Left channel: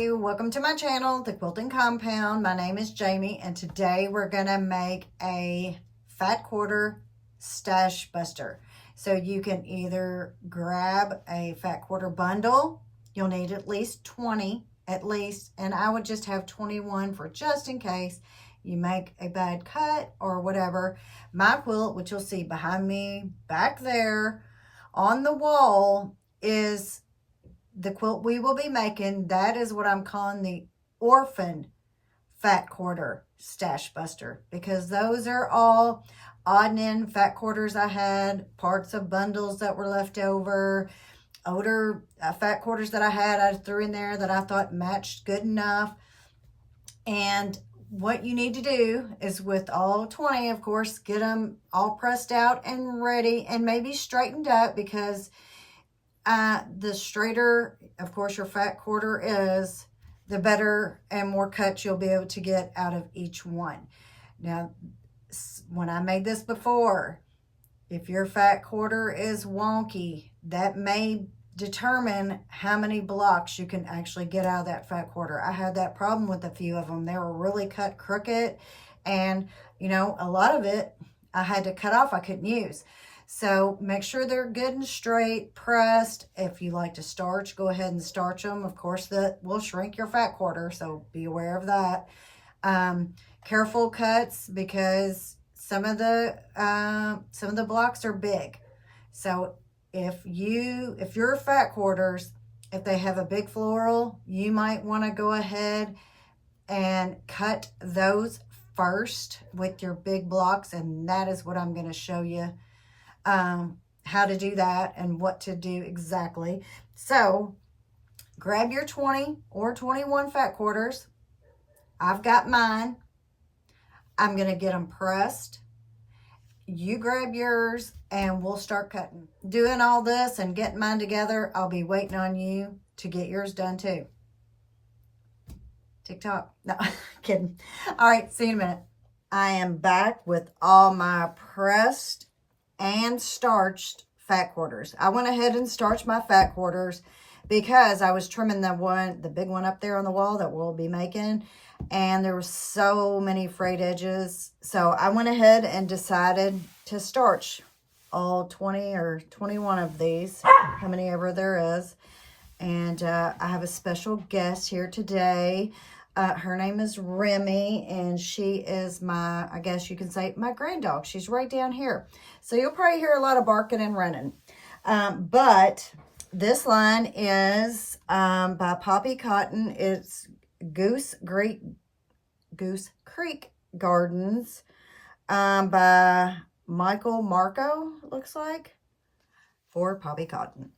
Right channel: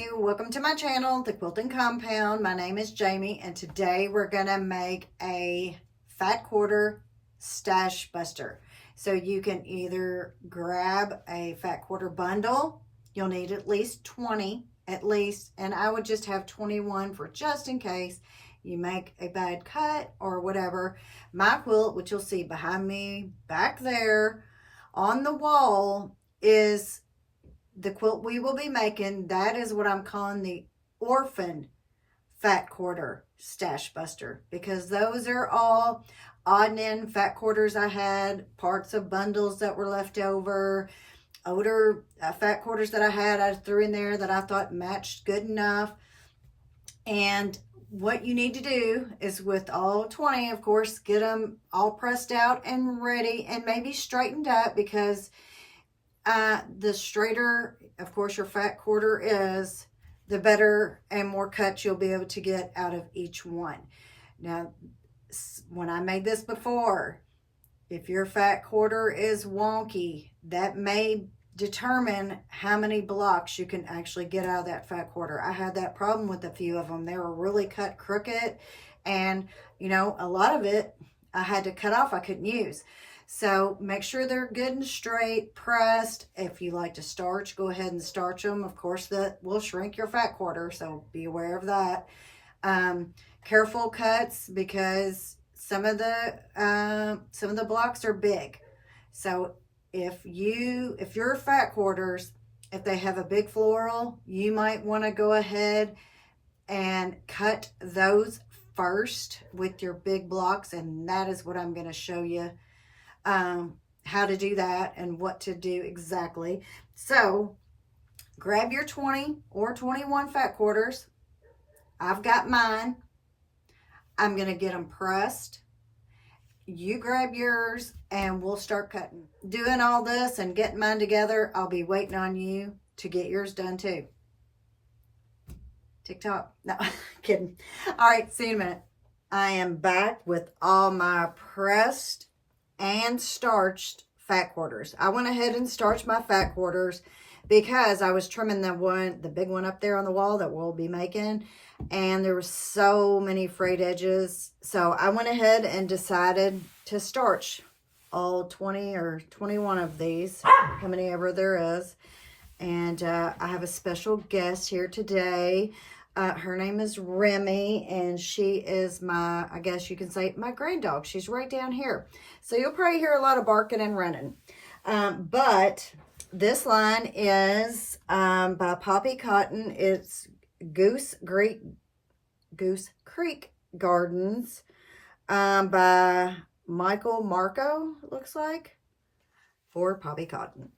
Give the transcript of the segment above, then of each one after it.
everybody, welcome to my channel, The Quilting Compound. My name is Jamie, and today we're gonna make a fat quarter stash buster. So you can either grab a fat quarter bundle. You'll need at least 20 at least, and I would just have 21 for just in case you make a bad cut or whatever. My quilt, which you'll see behind me back there on the wall, is the quilt we will be making. That is what I'm calling the orphan fat quarter stash buster, because those are all odd and end fat quarters I had, parts of bundles that were left over, older fat quarters that I threw in there that I thought matched good enough. And what you need to do is, with all 20, of course, get them all pressed out and ready and maybe straightened up, because the straighter, of course, your fat quarter is, the better and more cuts you'll be able to get out of each one. Now, when I made this before, if your fat quarter is wonky, that may determine how many blocks you can actually get out of that fat quarter. I had that problem with a few of them. They were really cut crooked, and you know, a lot of it I had to cut off, I couldn't use. So make sure they're good and straight, pressed. If you like to starch, go ahead and starch them. Of course, that will shrink your fat quarter, so be aware of that. Careful cuts, because some of the blocks are big. So if your fat quarters, if they have a big floral, you might want to go ahead and cut those first with your big blocks, and that is what I'm going to show you how to do that and what to do exactly. So grab your 20 or 21 fat quarters. I've got mine. I'm going to get them pressed. You grab yours and we'll start cutting. Doing all this and getting mine together, I'll be waiting on you to get yours done too. TikTok. No, kidding. All right, see you in a minute. I am back with all my pressed and starched fat quarters. I went ahead and starched my fat quarters because I was trimming the big one up there on the wall that we'll be making, and there were so many frayed edges. So I went ahead and decided to starch all 20 or 21 of these, how many ever there is. And I have a special guest here today. Her name is Remy, and she is my, I guess you can say, my grand dog. She's right down here. So you'll probably hear a lot of barking and running. But this line is by Poppy Cotton. It's Goose Creek Gardens by Michael Marco, it looks like, for Poppy Cotton.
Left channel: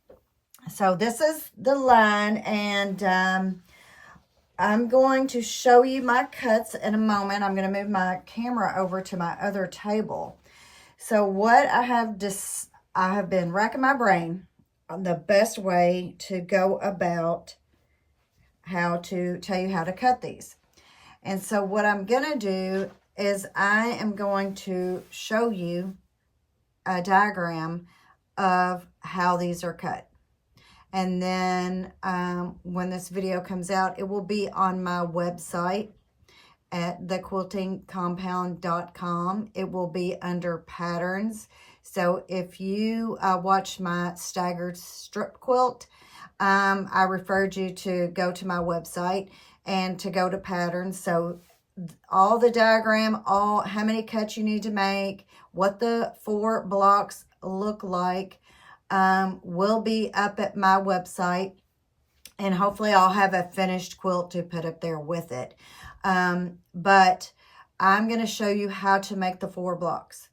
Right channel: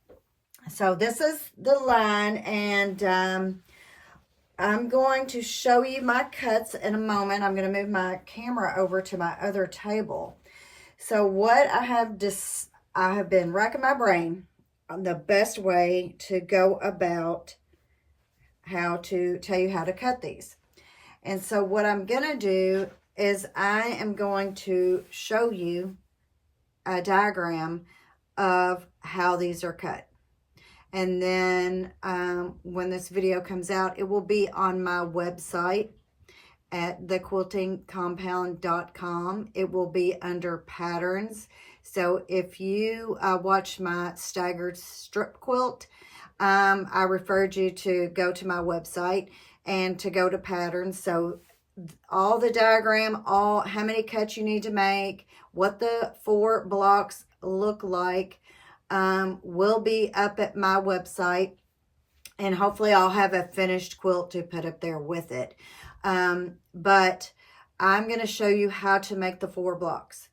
So this is the line, and I'm going to show you my cuts in a moment. I'm going to move my camera over to my other table. So what I have been racking my brain on the best way to go about how to tell you how to cut these. And so what I'm going to do is I am going to show you a diagram of how these are cut. And then when this video comes out, it will be on my website at thequiltingcompound.com. It will be under patterns. So if you watch my staggered strip quilt, I referred you to go to my website and to go to patterns. So all the diagram, how many cuts you need to make, what the 4 blocks look like, will be up at my website, and hopefully I'll have a finished quilt to put up there with it. But I'm going to show you how to make the 4 blocks.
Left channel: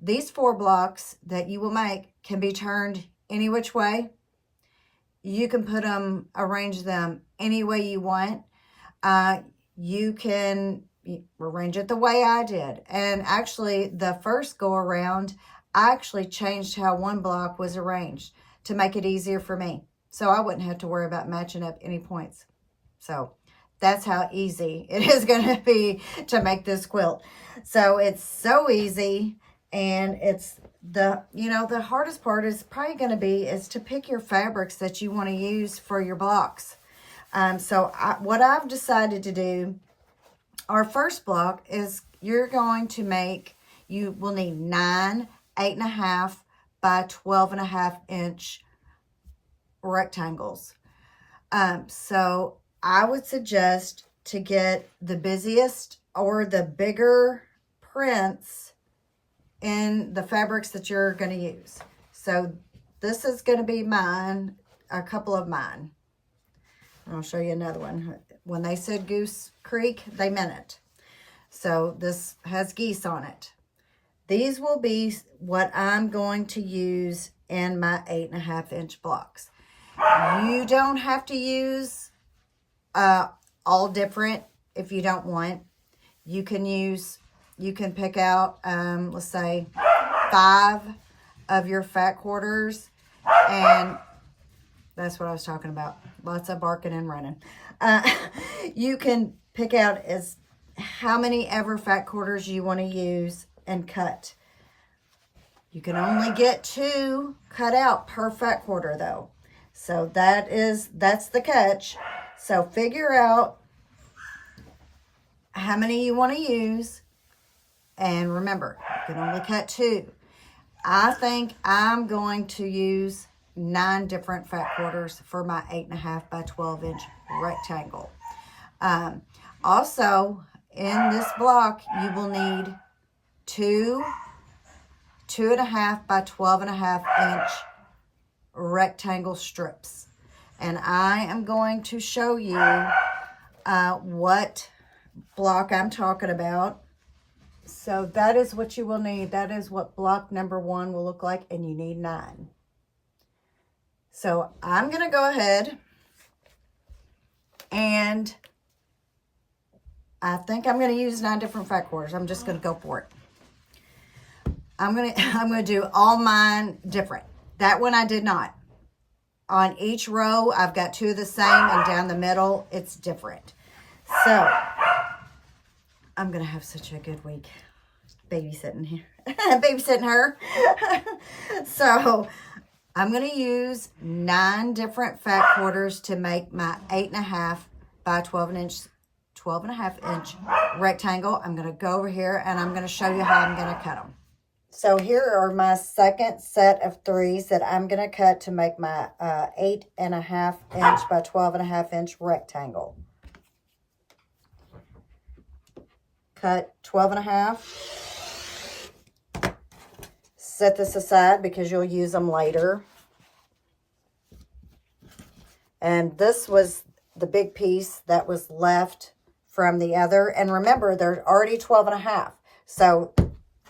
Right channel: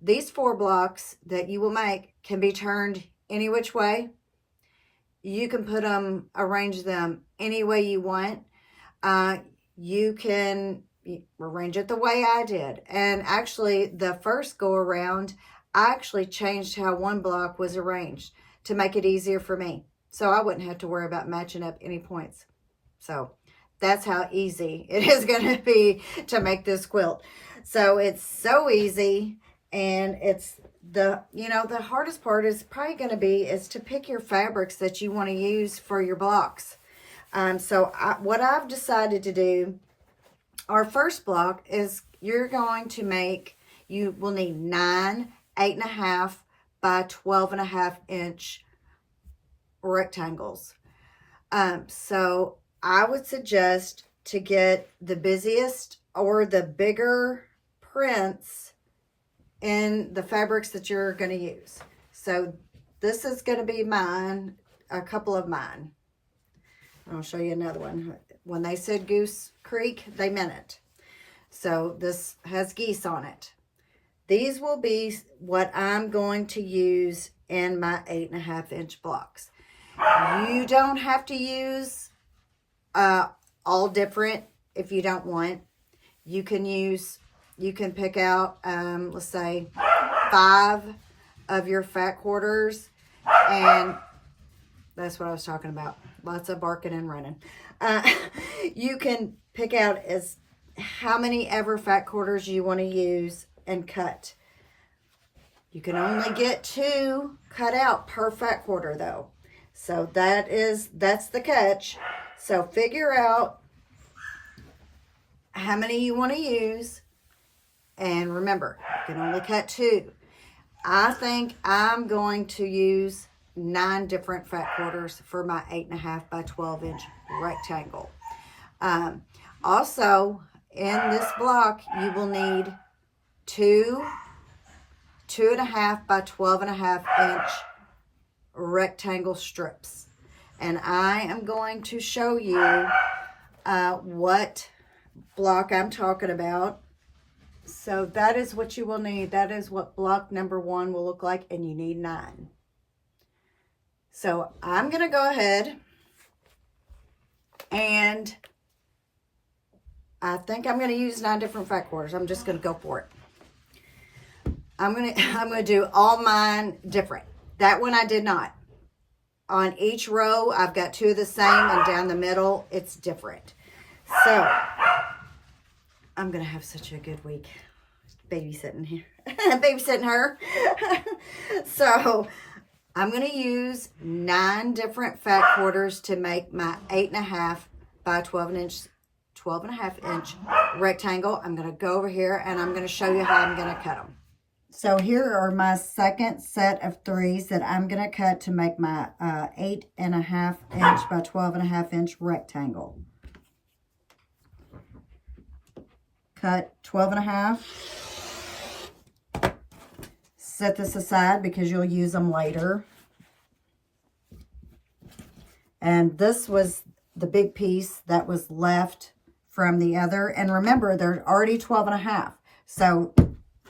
These 4 blocks that you will make can be turned any which way. You can put them, arrange them any way you want. You can arrange it the way I did. And actually, the first go around, I actually changed how one block was arranged to make it easier for me, so I wouldn't have to worry about matching up any points. So that's how easy it is going to be to make this quilt. So it's so easy, and it's the hardest part is probably going to be to pick your fabrics that you want to use for your blocks. What I've decided to do, our first block is you're going to make, you will need 9 8.5 by 12.5 inch rectangles. So I would suggest to get the busiest or the bigger prints in the fabrics that you're going to use. So this is going to be mine, a couple of mine. I'll show you another one. When they said Goose Creek, they meant it. So this has geese on it. These will be what I'm going to use in my 8.5 inch blocks. You don't have to use all different if you don't want. You can pick out, let's say, 5 of your fat quarters, and that's what I was talking about. Lots of barking and running. You can pick out as how many ever fat quarters you want to use and cut. You can only get 2 cut out per fat quarter though. So that's the catch. So figure out how many you want to use. And remember, you can only cut 2. I think I'm going to use 9 different fat quarters for my 8.5 by 12 inch rectangle. Also, in this block, you will need 2 2.5 by 12.5 inch rectangle strips. And I am going to show you what block I'm talking about. So that is what you will need. That is what block number 1 will look like, and you need 9. So I'm going to go ahead and I think I'm going to use 9 different fat quarters. I'm just going to go for it. I'm going to do all mine different. That one I did not. On each row, I've got 2 of the same, and down the middle, it's different. So I'm going to have such a good week babysitting here, babysitting her. So I'm going to use 9 different fat quarters to make my 8.5 by 12.5 inch rectangle. I'm going to go over here and I'm going to show you how I'm going to cut them. So here are my second set of 3s that I'm going to cut to make my 8.5 inch by 12.5 inch rectangle. Cut 12.5. Set this aside because you'll use them later. And this was the big piece that was left from the other. And remember, they're already 12.5. So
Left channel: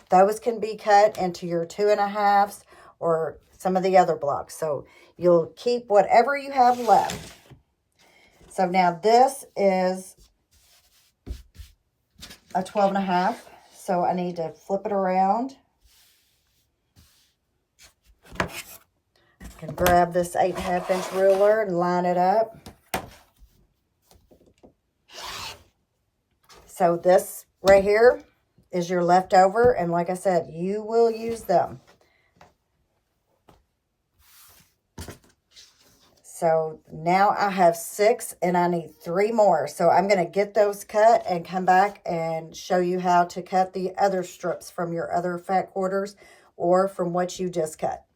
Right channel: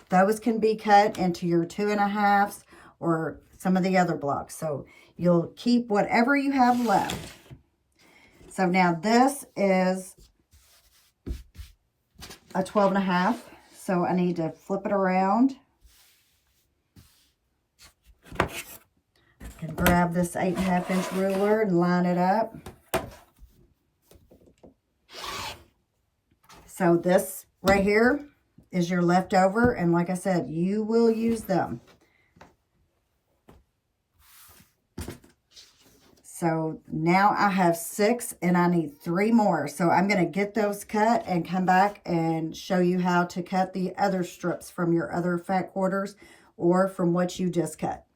those can be cut into your 2.5s or some of the other blocks. So you'll keep whatever you have left. So now this is a 12.5. So I need to flip it around. I can grab this 8.5 inch ruler and line it up. So this right here is your leftover, and like I said, you will use them. So now I have 6 and I need 3 more. So I'm going to get those cut and come back and show you how to cut the other strips from your other fat quarters or from what you just cut.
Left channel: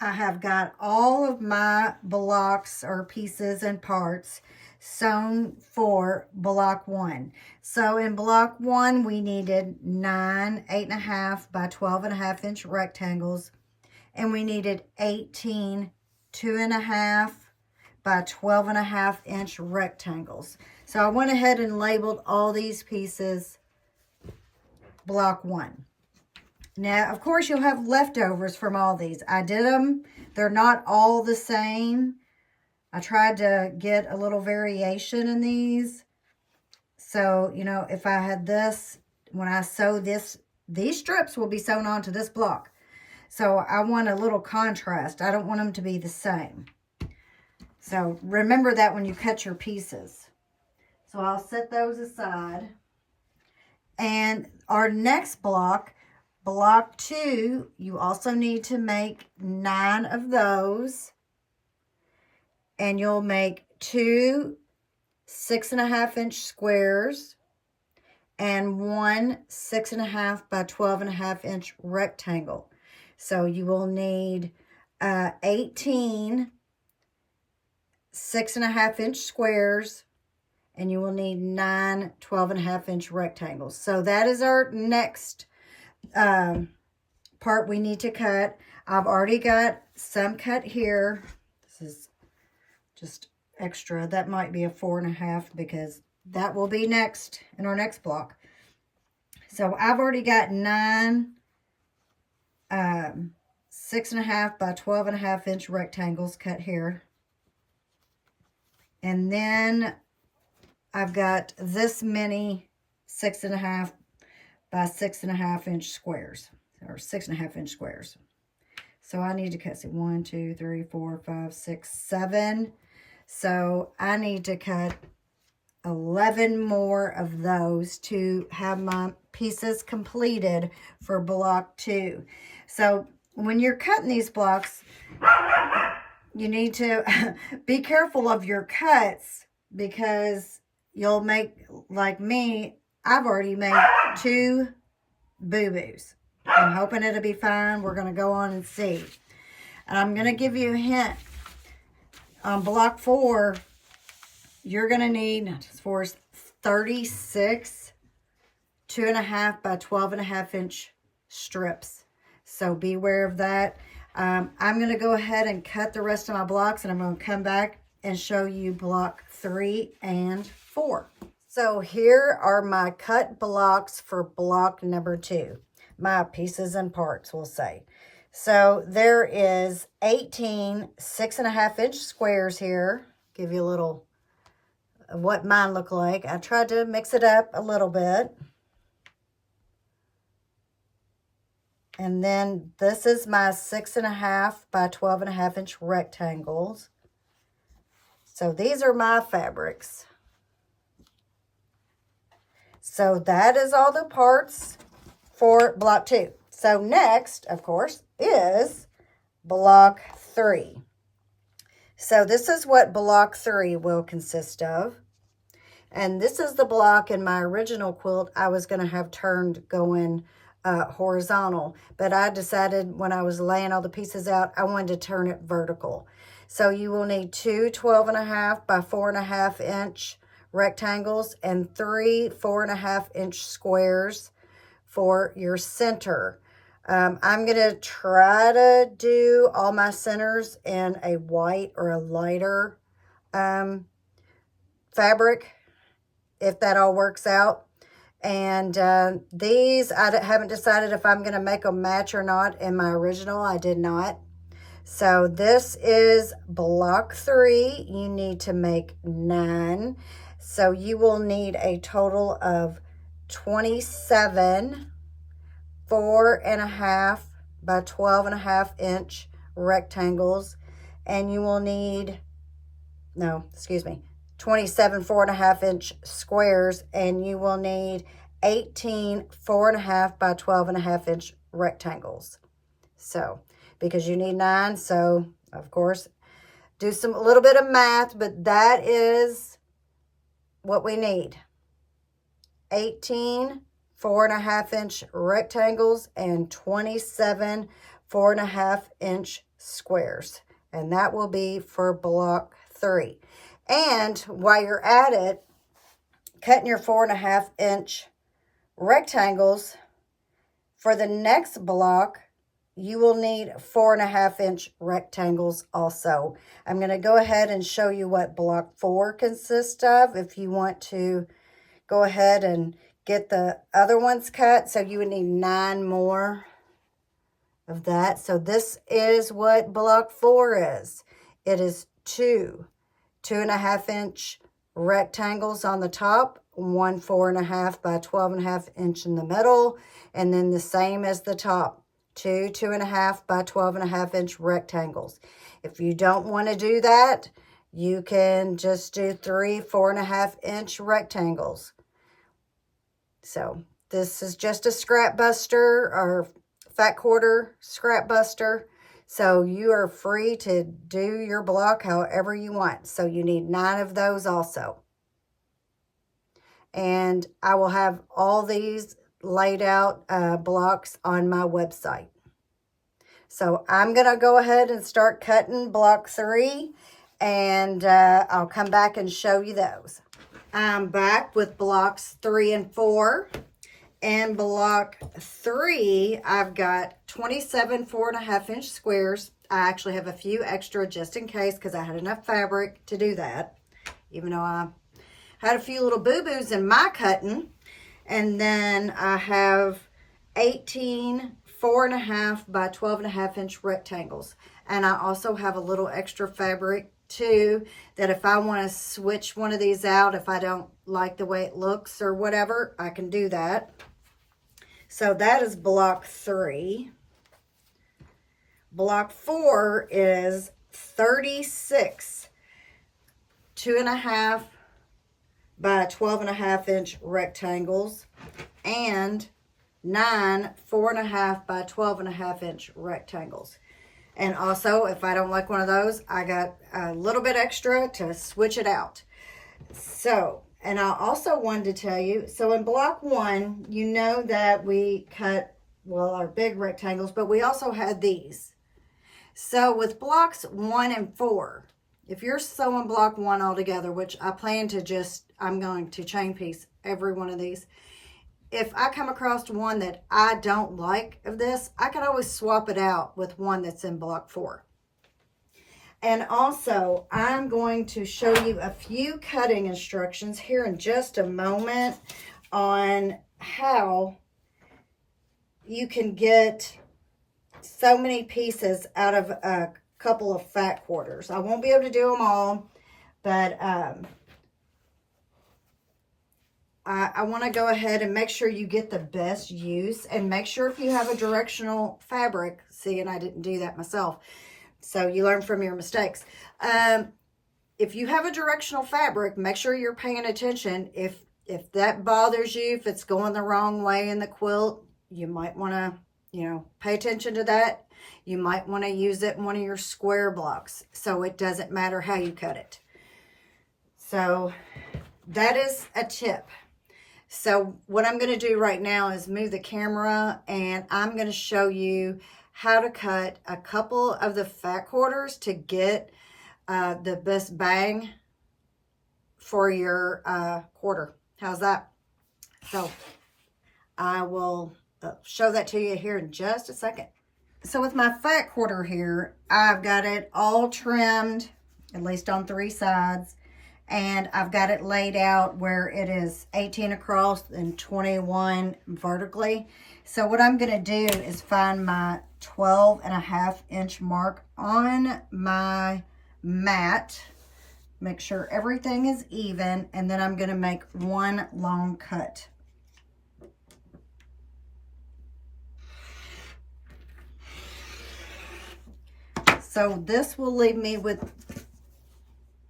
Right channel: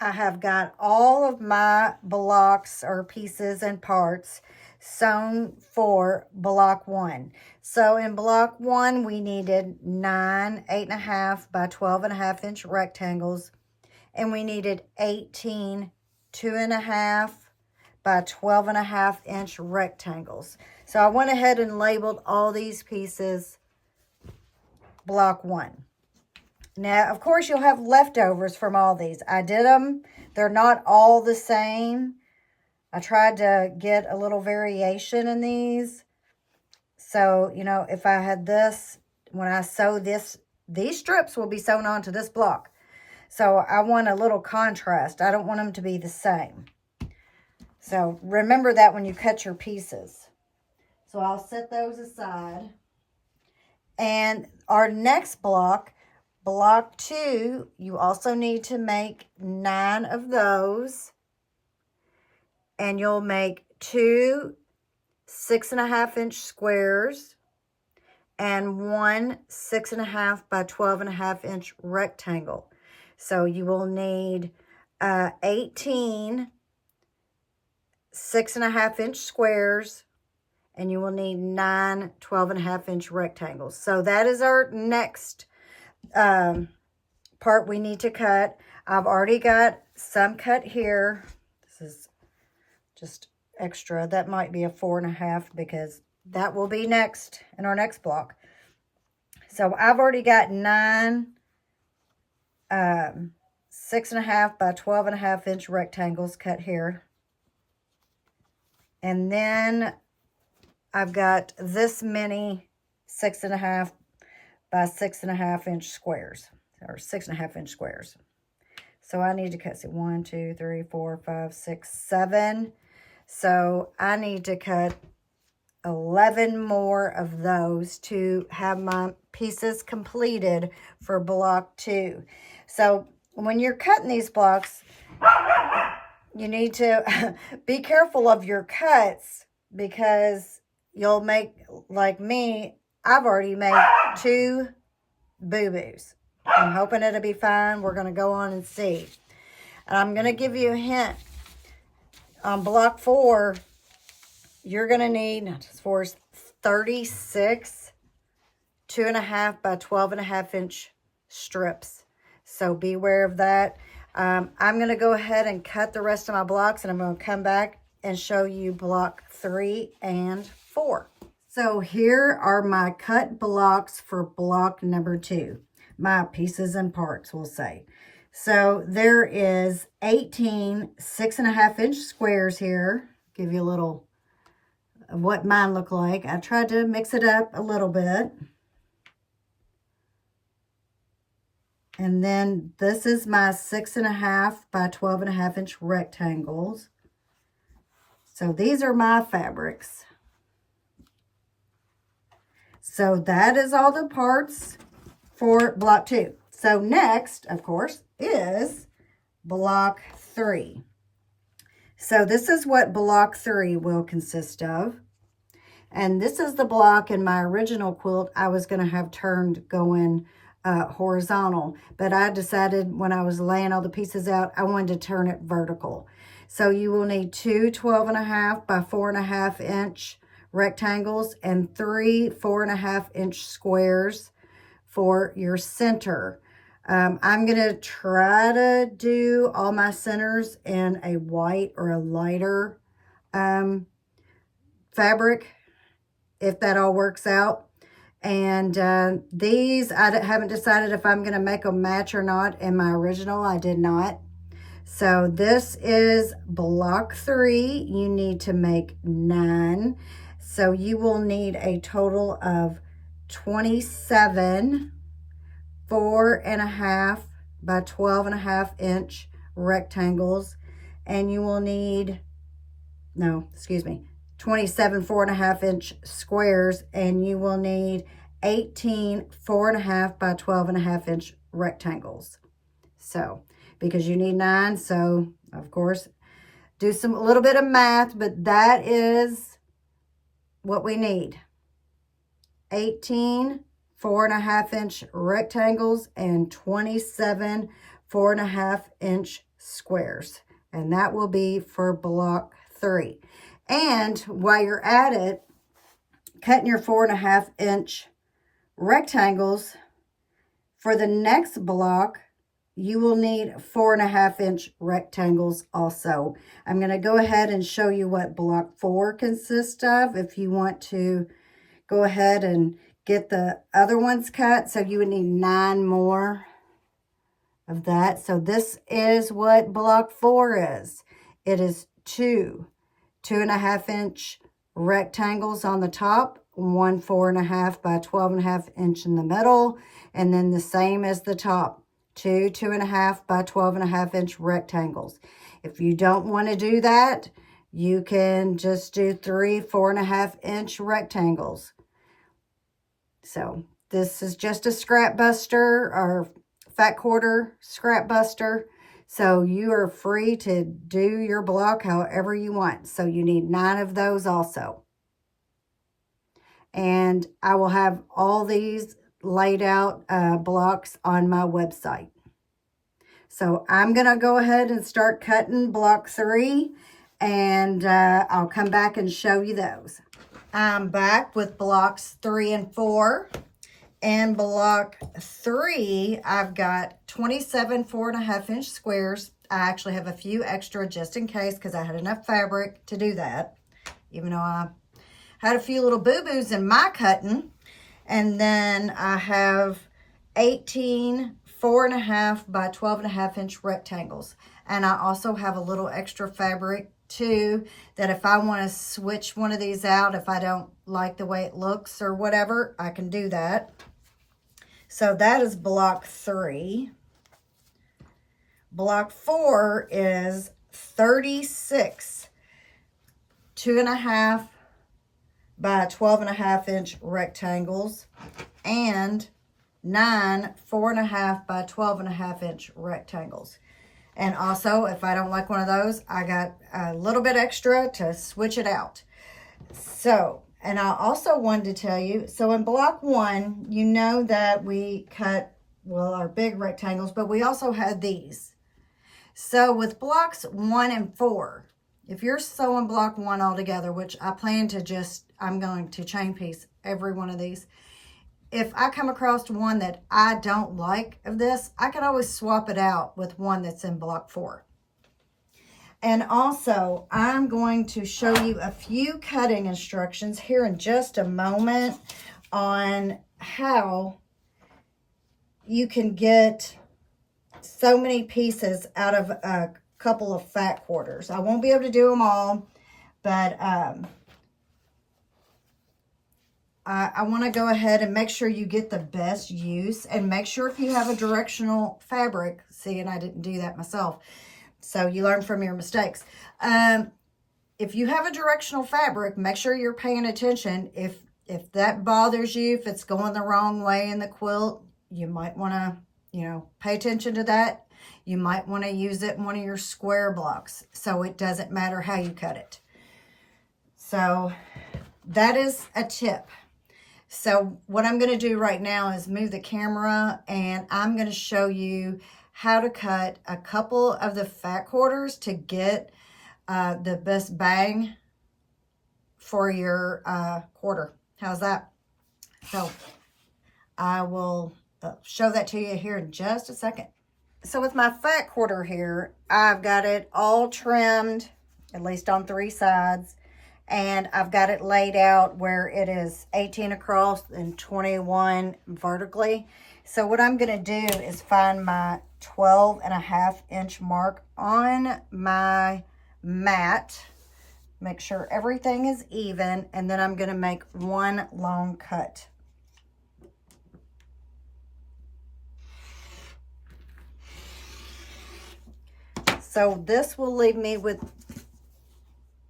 I have got all of my blocks or pieces and parts sewn for block 1. So in block 1, we needed 9 8.5 by 12.5 inch rectangles, and we needed 18 2.5 by 12.5 inch rectangles. So I went ahead and labeled all these pieces block 1. Now, of course, you'll have leftovers from all these. I did them. They're not all the same. I tried to get a little variation in these. So, you know, if I had this, when I sew this, these strips will be sewn onto this block. So I want a little contrast. I don't want them to be the same. So remember that when you cut your pieces. So I'll set those aside. And our next block, block 2, you also need to make 9 of those. And you'll make 2 6.5-inch squares and 1 6.5 by 12.5-inch rectangle. So you will need 18 6.5-inch squares, and you will need 9 12.5-inch rectangles. So that is our next part we need to cut. I've already got some cut here. This is just extra. That might be a 4.5 because that will be next in our next block. So I've already got 9 6.5 by 12.5-inch rectangles cut here. And then I've got this many 6.5 by 6.5-inch squares, or 6.5-inch squares. So I need to cut, 1, 2, 3, 4, 5, 6, 7. So I need to cut 11 more of those to have my pieces completed for block 2. So when you're cutting these blocks, you need to be careful of your cuts, because you'll make, like me, I've already made 2 boo-boos. I'm hoping it'll be fine. We're going to go on and see. And I'm going to give you a hint. On block 4, you're going to need 36 2.5 by 12.5-inch strips. So beware of that. I'm going to go ahead and cut the rest of my blocks, and I'm going to come back and show you block 3 and 4. So here are my cut blocks for block number 2. My pieces and parts, we'll say. So there is 18 6.5-inch squares here. Give you a little of what mine look like. I tried to mix it up a little bit. And then this is my 6.5 by 12.5-inch rectangles. So these are my fabrics. So that is all the parts for block 2. So next, of course, is block 3. So this is what block 3 will consist of. And this is the block in my original quilt I was going to have turned going horizontal. But I decided when I was laying all the pieces out, I wanted to turn it vertical. So you will need 2 12.5 by 4.5-inch rectangles and 3 4.5-inch squares for your center. I'm going to try to do all my centers in a white or a lighter fabric, if that all works out. And these, I haven't decided if I'm going to make them match or not. In my original, I did not. So this is block 3. You need to make 9. So you will need a total of 27 4.5 by 12.5-inch rectangles. And you will need, 27 4.5-inch squares, and you will need 18 4.5 by 12.5-inch rectangles. So, because you need 9, so of course, do a little bit of math, but that is what we need. 18 4.5-inch rectangles and 27 4.5-inch squares. And that will be for block 3. And while you're at it, cutting your 4.5-inch rectangles, for the next block, you will need 4.5-inch rectangles also. I'm going to go ahead and show you what block 4 consists of if you want to go ahead and get the other ones cut. So you would need 9 more of that. So this is what block 4 is. It is 2 2.5-inch rectangles on the top, 1 4.5 by 12.5-inch in the middle, and then the same as the top, 2 2.5 by 12.5-inch rectangles. If you don't want to do that, you can just do 3 4.5-inch rectangles. So this is just a scrap buster or fat quarter scrap buster. So you are free to do your block however you want. So you need 9 of those also. And I will have all these laid out blocks on my website. So I'm going to go ahead and start cutting block 3, and I'll come back and show you those. I'm back with blocks 3 and 4. And block 3, I've got 27 4.5-inch squares. I actually have a few extra just in case because I had enough fabric to do that, even though I had a few little boo-boos in my cutting. And then I have 18 4.5 by 12.5-inch rectangles. And I also have a little extra fabric too, that if I want to switch one of these out, if I don't like the way it looks or whatever, I can do that. So that is block 3. Block 4 is 36 2.5 by 12.5-inch rectangles and 9 4.5 by 12.5-inch rectangles. And also, if I don't like one of those, I got a little bit extra to switch it out. So, and I also wanted to tell you, so in block 1, you know that we cut, well, our big rectangles, but we also had these. So with blocks 1 and 4, if you're sewing block 1 all together, which I plan to just, I'm going to chain piece every one of these. If I come across one that I don't like of this, I can always swap it out with one that's in block 4. And also, I'm going to show you a few cutting instructions here in just a moment on how you can get so many pieces out of a couple of fat quarters. I won't be able to do them all, but I want to go ahead and make sure you get the best use, and make sure if you have a directional fabric, see, and I didn't do that myself, so you learn from your mistakes. If you have a directional fabric, make sure you're paying attention. If that bothers you, if it's going the wrong way in the quilt, you might want to, you know, pay attention to that. You might want to use it in one of your square blocks, so it doesn't matter how you cut it. So that is a tip. So what I'm going to do right now is move the camera, and I'm going to show you how to cut a couple of the fat quarters to get the best bang for your quarter. How's that? So I will show that to you here in just a second. So with my fat quarter here, I've got it all trimmed, at least on 3 sides. And I've got it laid out where it is 18 across and 21 vertically. So what I'm going to do is find my 12.5-inch mark on my mat. Make sure everything is even. And then I'm going to make one long cut. So this will leave me with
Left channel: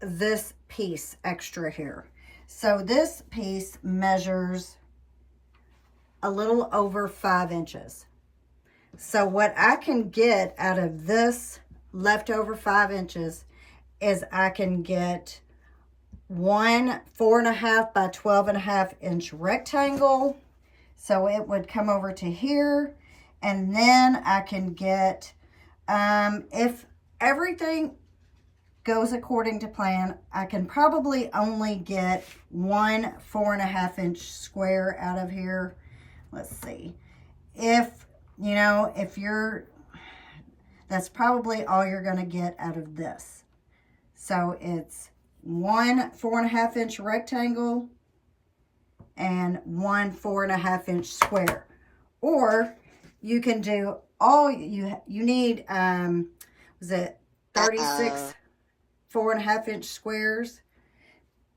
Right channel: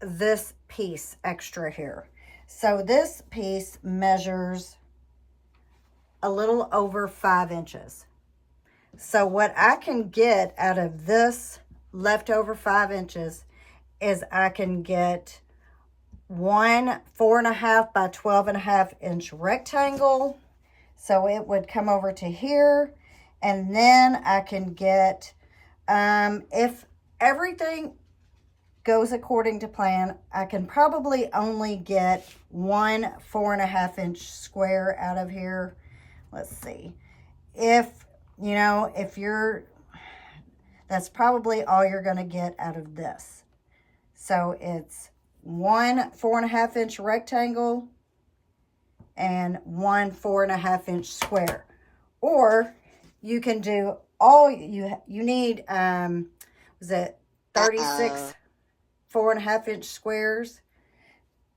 this piece extra here. So this piece measures a little over 5 inches. So what I can get out of this leftover 5 inches is I can get one 4.5 by 12.5-inch rectangle. So it would come over to here, and then I can get, if everything goes according to plan, I can probably only get one 4.5-inch square out of here. Let's see. If, you know, if you're, that's probably all you're going to get out of this. So it's one 4.5-inch rectangle and one 4.5-inch square. Or you can do all, you need, was it 36 4.5-inch squares.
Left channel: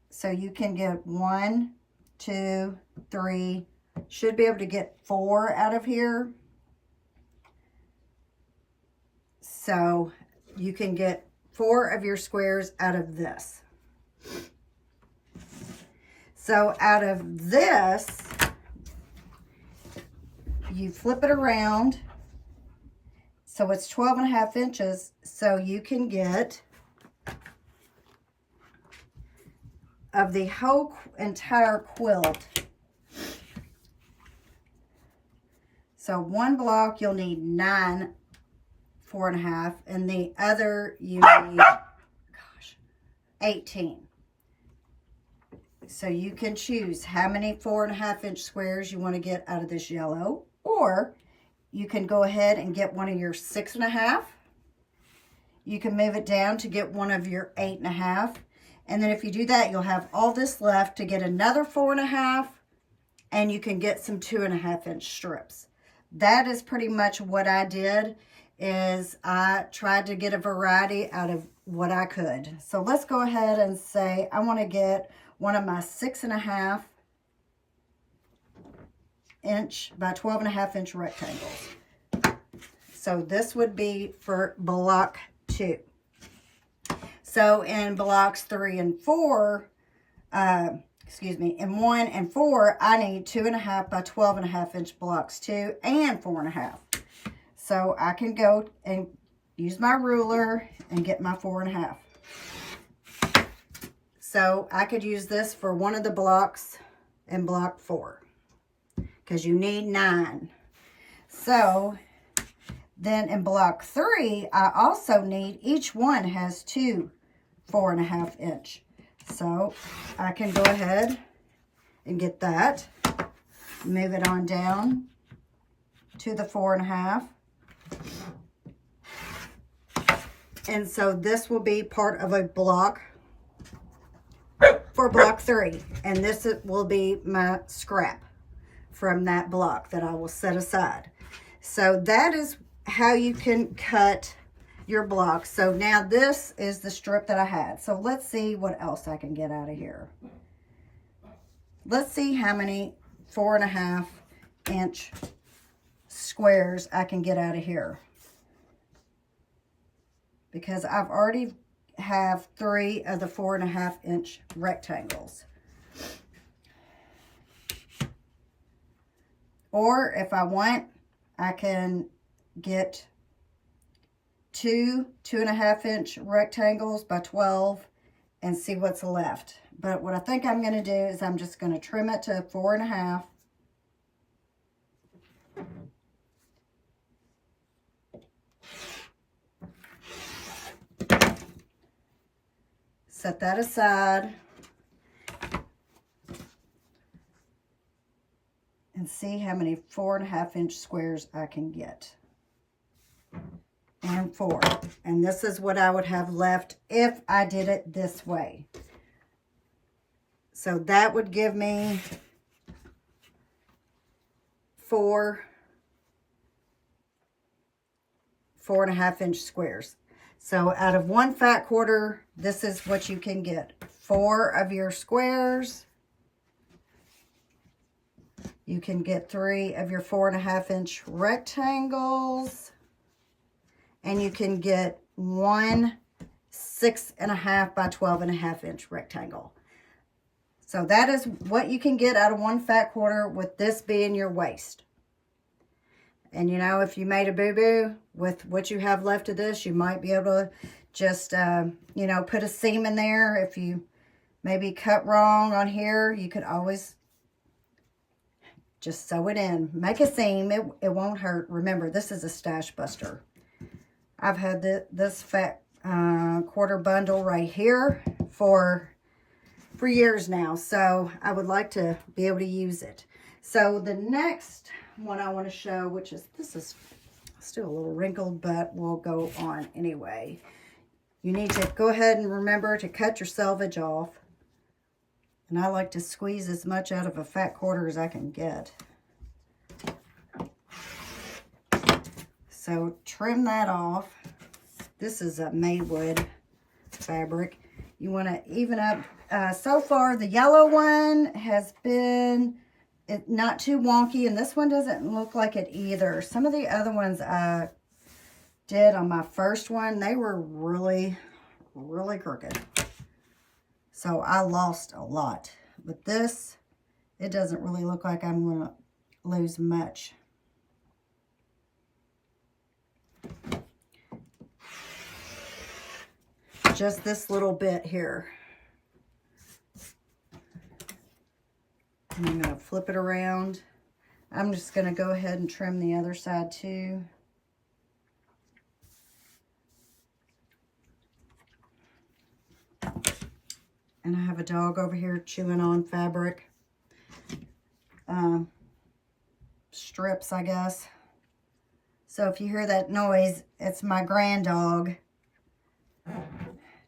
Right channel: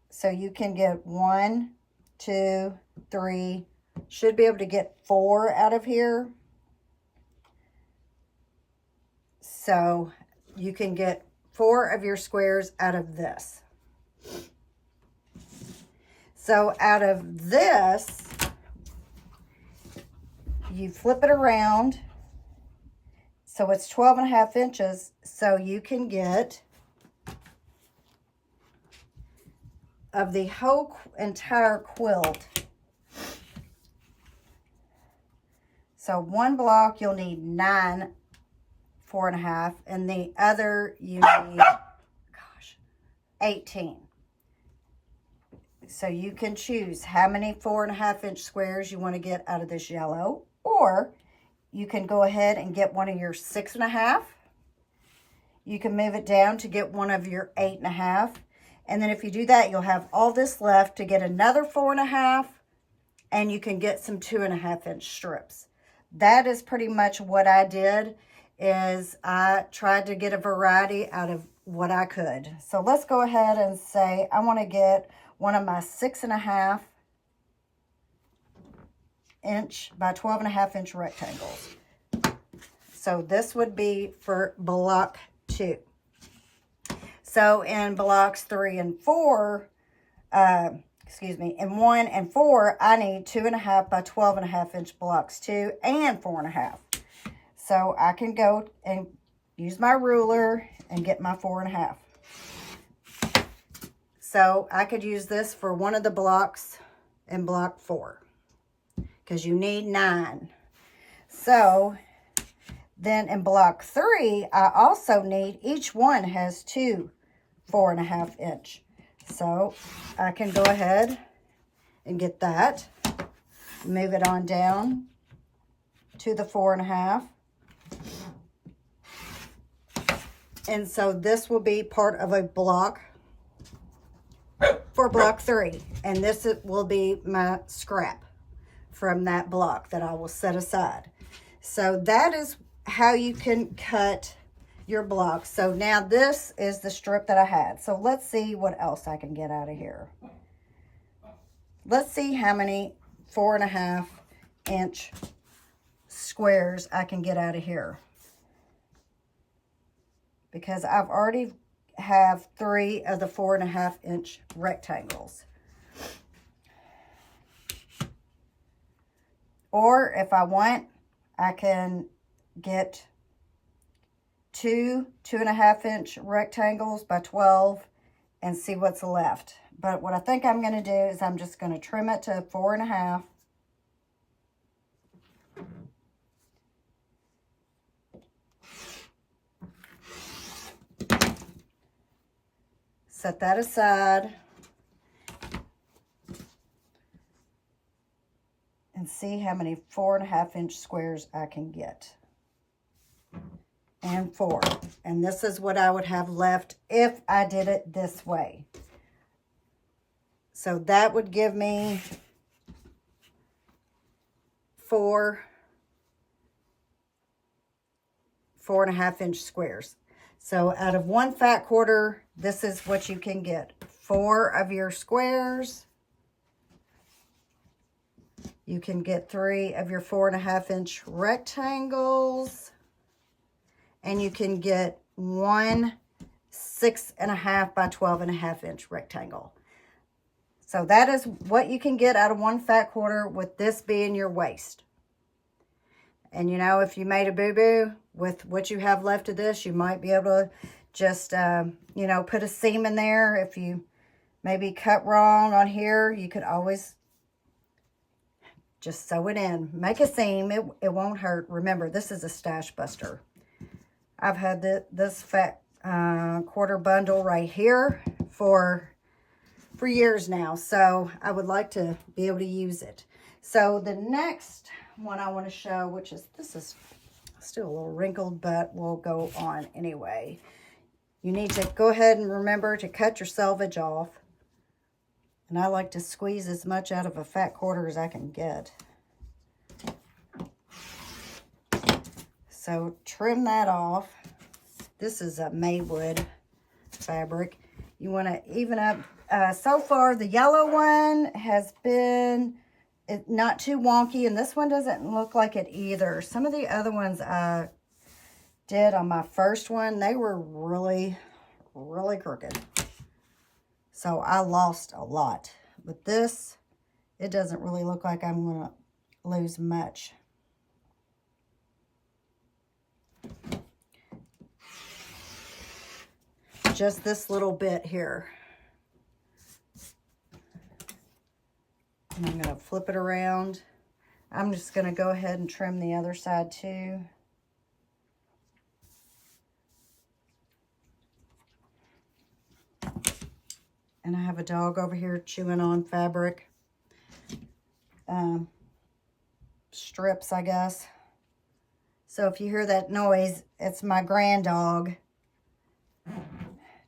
So you can get 1, 2, 3, should be able to get 4 out of here. So you can get 4 of your squares out of this. So out of this, you flip it around So it's 12.5 inches. So you can get, of the whole entire quilt, so one block you'll need 9 4.5, and the other you need 18. So you can choose how many 4.5 inch squares you want to get out of this yellow, or you can go ahead and get one of your 6.5. You can move it down to get one of your 8.5. And then if you do that, you'll have all this left to get another 4.5, and you can get some 2.5 inch strips. That is pretty much what I did, is I tried to get a variety out of what I could. So let's go ahead and say I want to get one of my 6.5 inch by 12.5 inch rectangles. So this would be for block 2. So in blocks 3 and 4, in 1 and 4, I need 2.5 by 12.5 inch blocks 2 and 4.5. So I can go and use my ruler and get my 4.5. So I could use this for one of the blocks in block 4, because you need 9. So then in block 3, I also need, each one has 2 4.5 inch. So I can go ahead and get that, move it on down to the 4.5. And so this will be part of a block for block 3. And this will be my scrap from that block that I will set aside. So that is how you can cut your blocks. So now this is the strip that I had. So let's see what else I can get out of here. Let's see how many 4.5 inch squares I can get out of here, because I've already have 3 of the 4.5 inch rectangles. Or if I want, I can get 2 2.5 inch rectangles by 12 and see what's left. But what I think I'm going to do is I'm just going to trim it to 4.5. Set that aside and see how many 4.5 inch squares I can get. And 4. And this is what I would have left if I did it this way. So that would give me 4.5 inch squares. So out of one fat quarter, this is what you can get. 4 of your squares. You can get 3 of your 4.5 inch rectangles. And you can get 1 6.5 by 12.5 inch rectangle. So that is what you can get out of one fat quarter, with this being your waist. And you know, if you made a boo-boo with what you have left of this, you might be able to just, you know, put a seam in there. If you maybe cut wrong on here, you could always just sew it in. Make a seam. It won't hurt. Remember, this is a stash buster. I've had this fat quarter bundle right here for years now, so I would like to be able to use it. So the next one I want to show, which is, this is still a little wrinkled, but we'll go on anyway. You need to go ahead and remember to cut your selvage off. And I like to squeeze as much out of a fat quarter as I can get. So trim that off. This is a Maywood fabric. You want to even up. So far, the yellow one has been not too wonky, and this one doesn't look like it either. Some of the other ones I did on my first one, they were really, really crooked. So I lost a lot. But this, it doesn't really look like I'm going to lose much. just this little bit here. And I'm going to flip it around. I'm just going to go ahead and trim the other side too. And I have a dog over here chewing on fabric. Strips, I guess. So if you hear that noise, it's my grand dog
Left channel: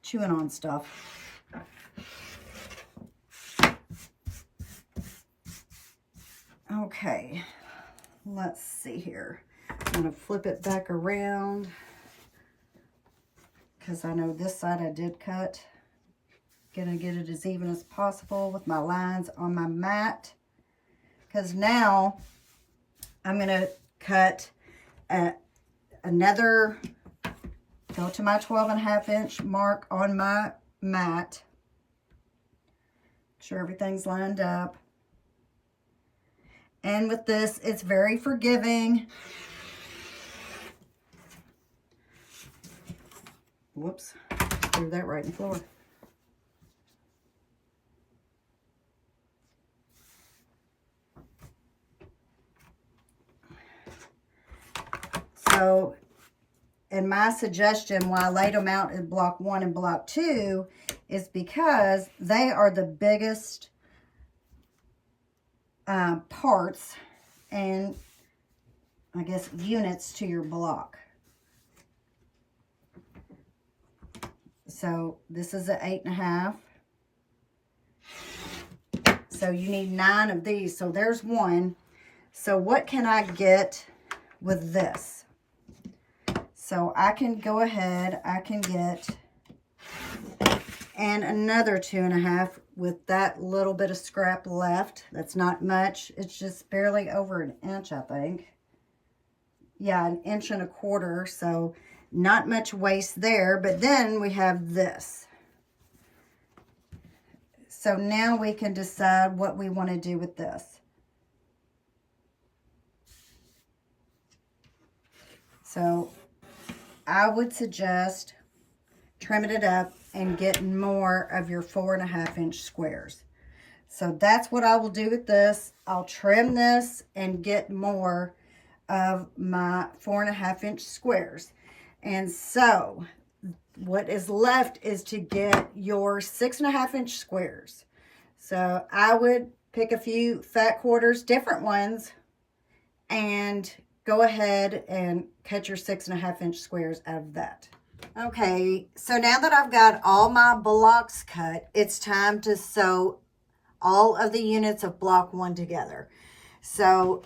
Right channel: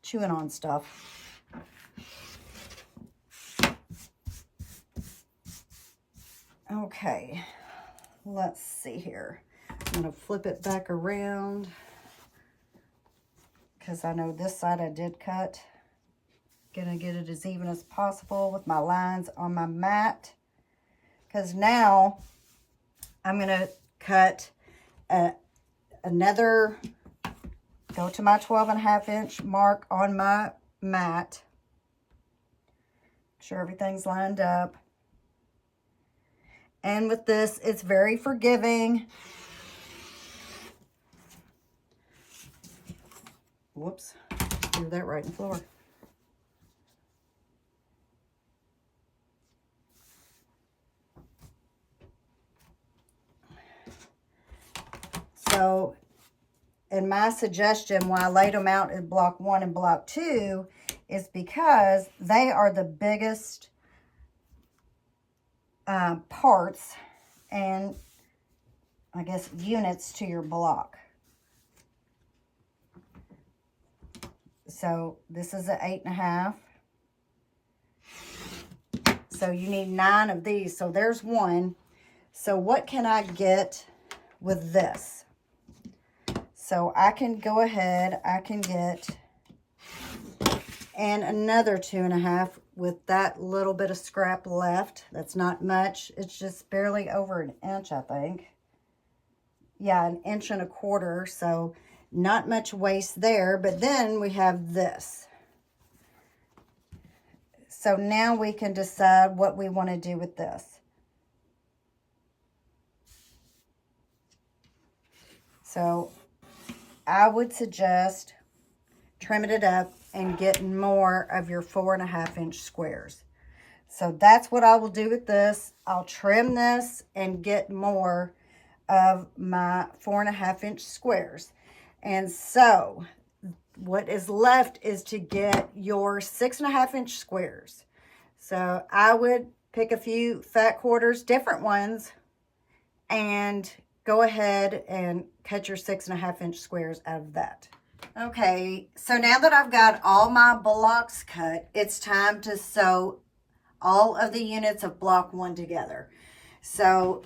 chewing on stuff. Okay, let's see here. I'm going to flip it back around because I know this side I did cut. Gonna get it as even as possible with my lines on my mat, because now I'm gonna cut another, go to my 12.5 inch mark on my mat. Make sure everything's lined up. And with this, it's very forgiving. Whoops, threw that right in the floor. So, and my suggestion why I laid them out in block 1 and block 2 is because they are the biggest parts and I guess units to your block. So this is an 8.5. So you need 9 of these. So there's 1. So what can I get with this? So I can go ahead, I can get, and another 2.5 with that little bit of scrap left. That's not much. It's just barely over an inch, I think. Yeah, 1.25 inches. So not much waste there. But then we have this. So now we can decide what we want to do with this. So I would suggest trimming it up and getting more of your 4.5 inch squares. So that's what I will do with this. I'll trim this and get more of my 4.5 inch squares. And so what is left is to get your 6.5 inch squares. So I would pick a few fat quarters, different ones, and go ahead and cut your 6.5 inch squares out of that. Okay, so now that I've got all my blocks cut, it's time to sew all of the units of block 1 together. So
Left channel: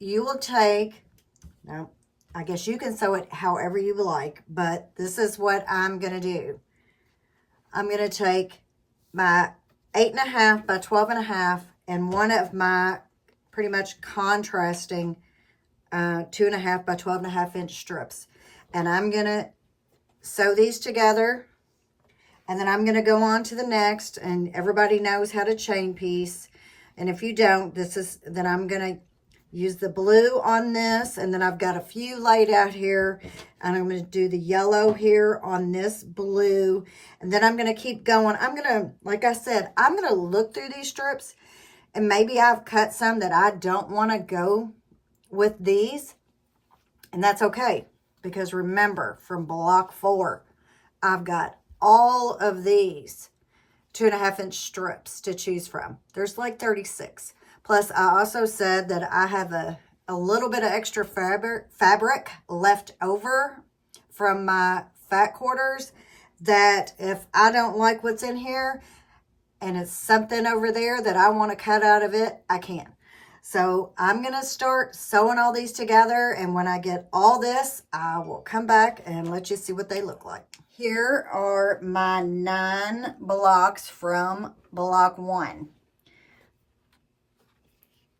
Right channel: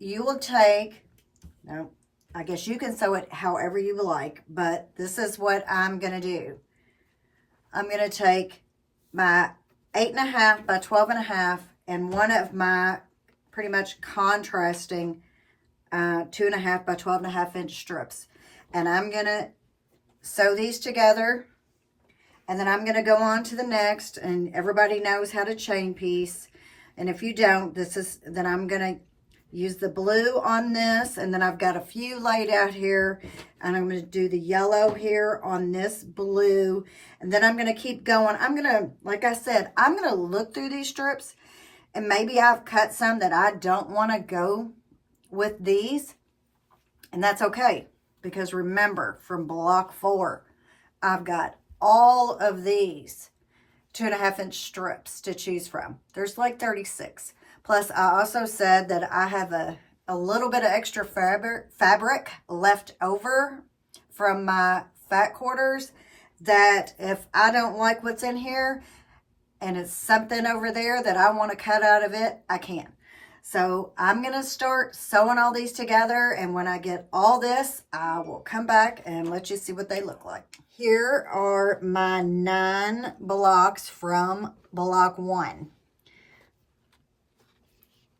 you will take, now I guess you can sew it however you like, but this is what I'm going to do. I'm going to take my 8.5 by 12.5 and one of my pretty much contrasting 2.5 by 12.5 inch strips, and I'm gonna sew these together, and then I'm gonna go on to the next. And everybody knows how to chain piece, and if you don't, then I'm gonna use the blue on this, and then I've got a few laid out here, and I'm gonna do the yellow here on this blue, and then I'm gonna keep going. I'm gonna, like I said, I'm gonna look through these strips, and maybe I've cut some that I don't want to go with these, and that's okay, because remember, from block 4 I've got all of these 2.5 inch strips to choose from. There's like 36. Plus I also said that I have a little bit of extra fabric left over from my fat quarters, that if I don't like what's in here and it's something over there that I want to cut out of it, I can. So I'm going to start sewing all these together, and when I get all this, I will come back and let you see what they look like. Here are my 9 blocks from block 1.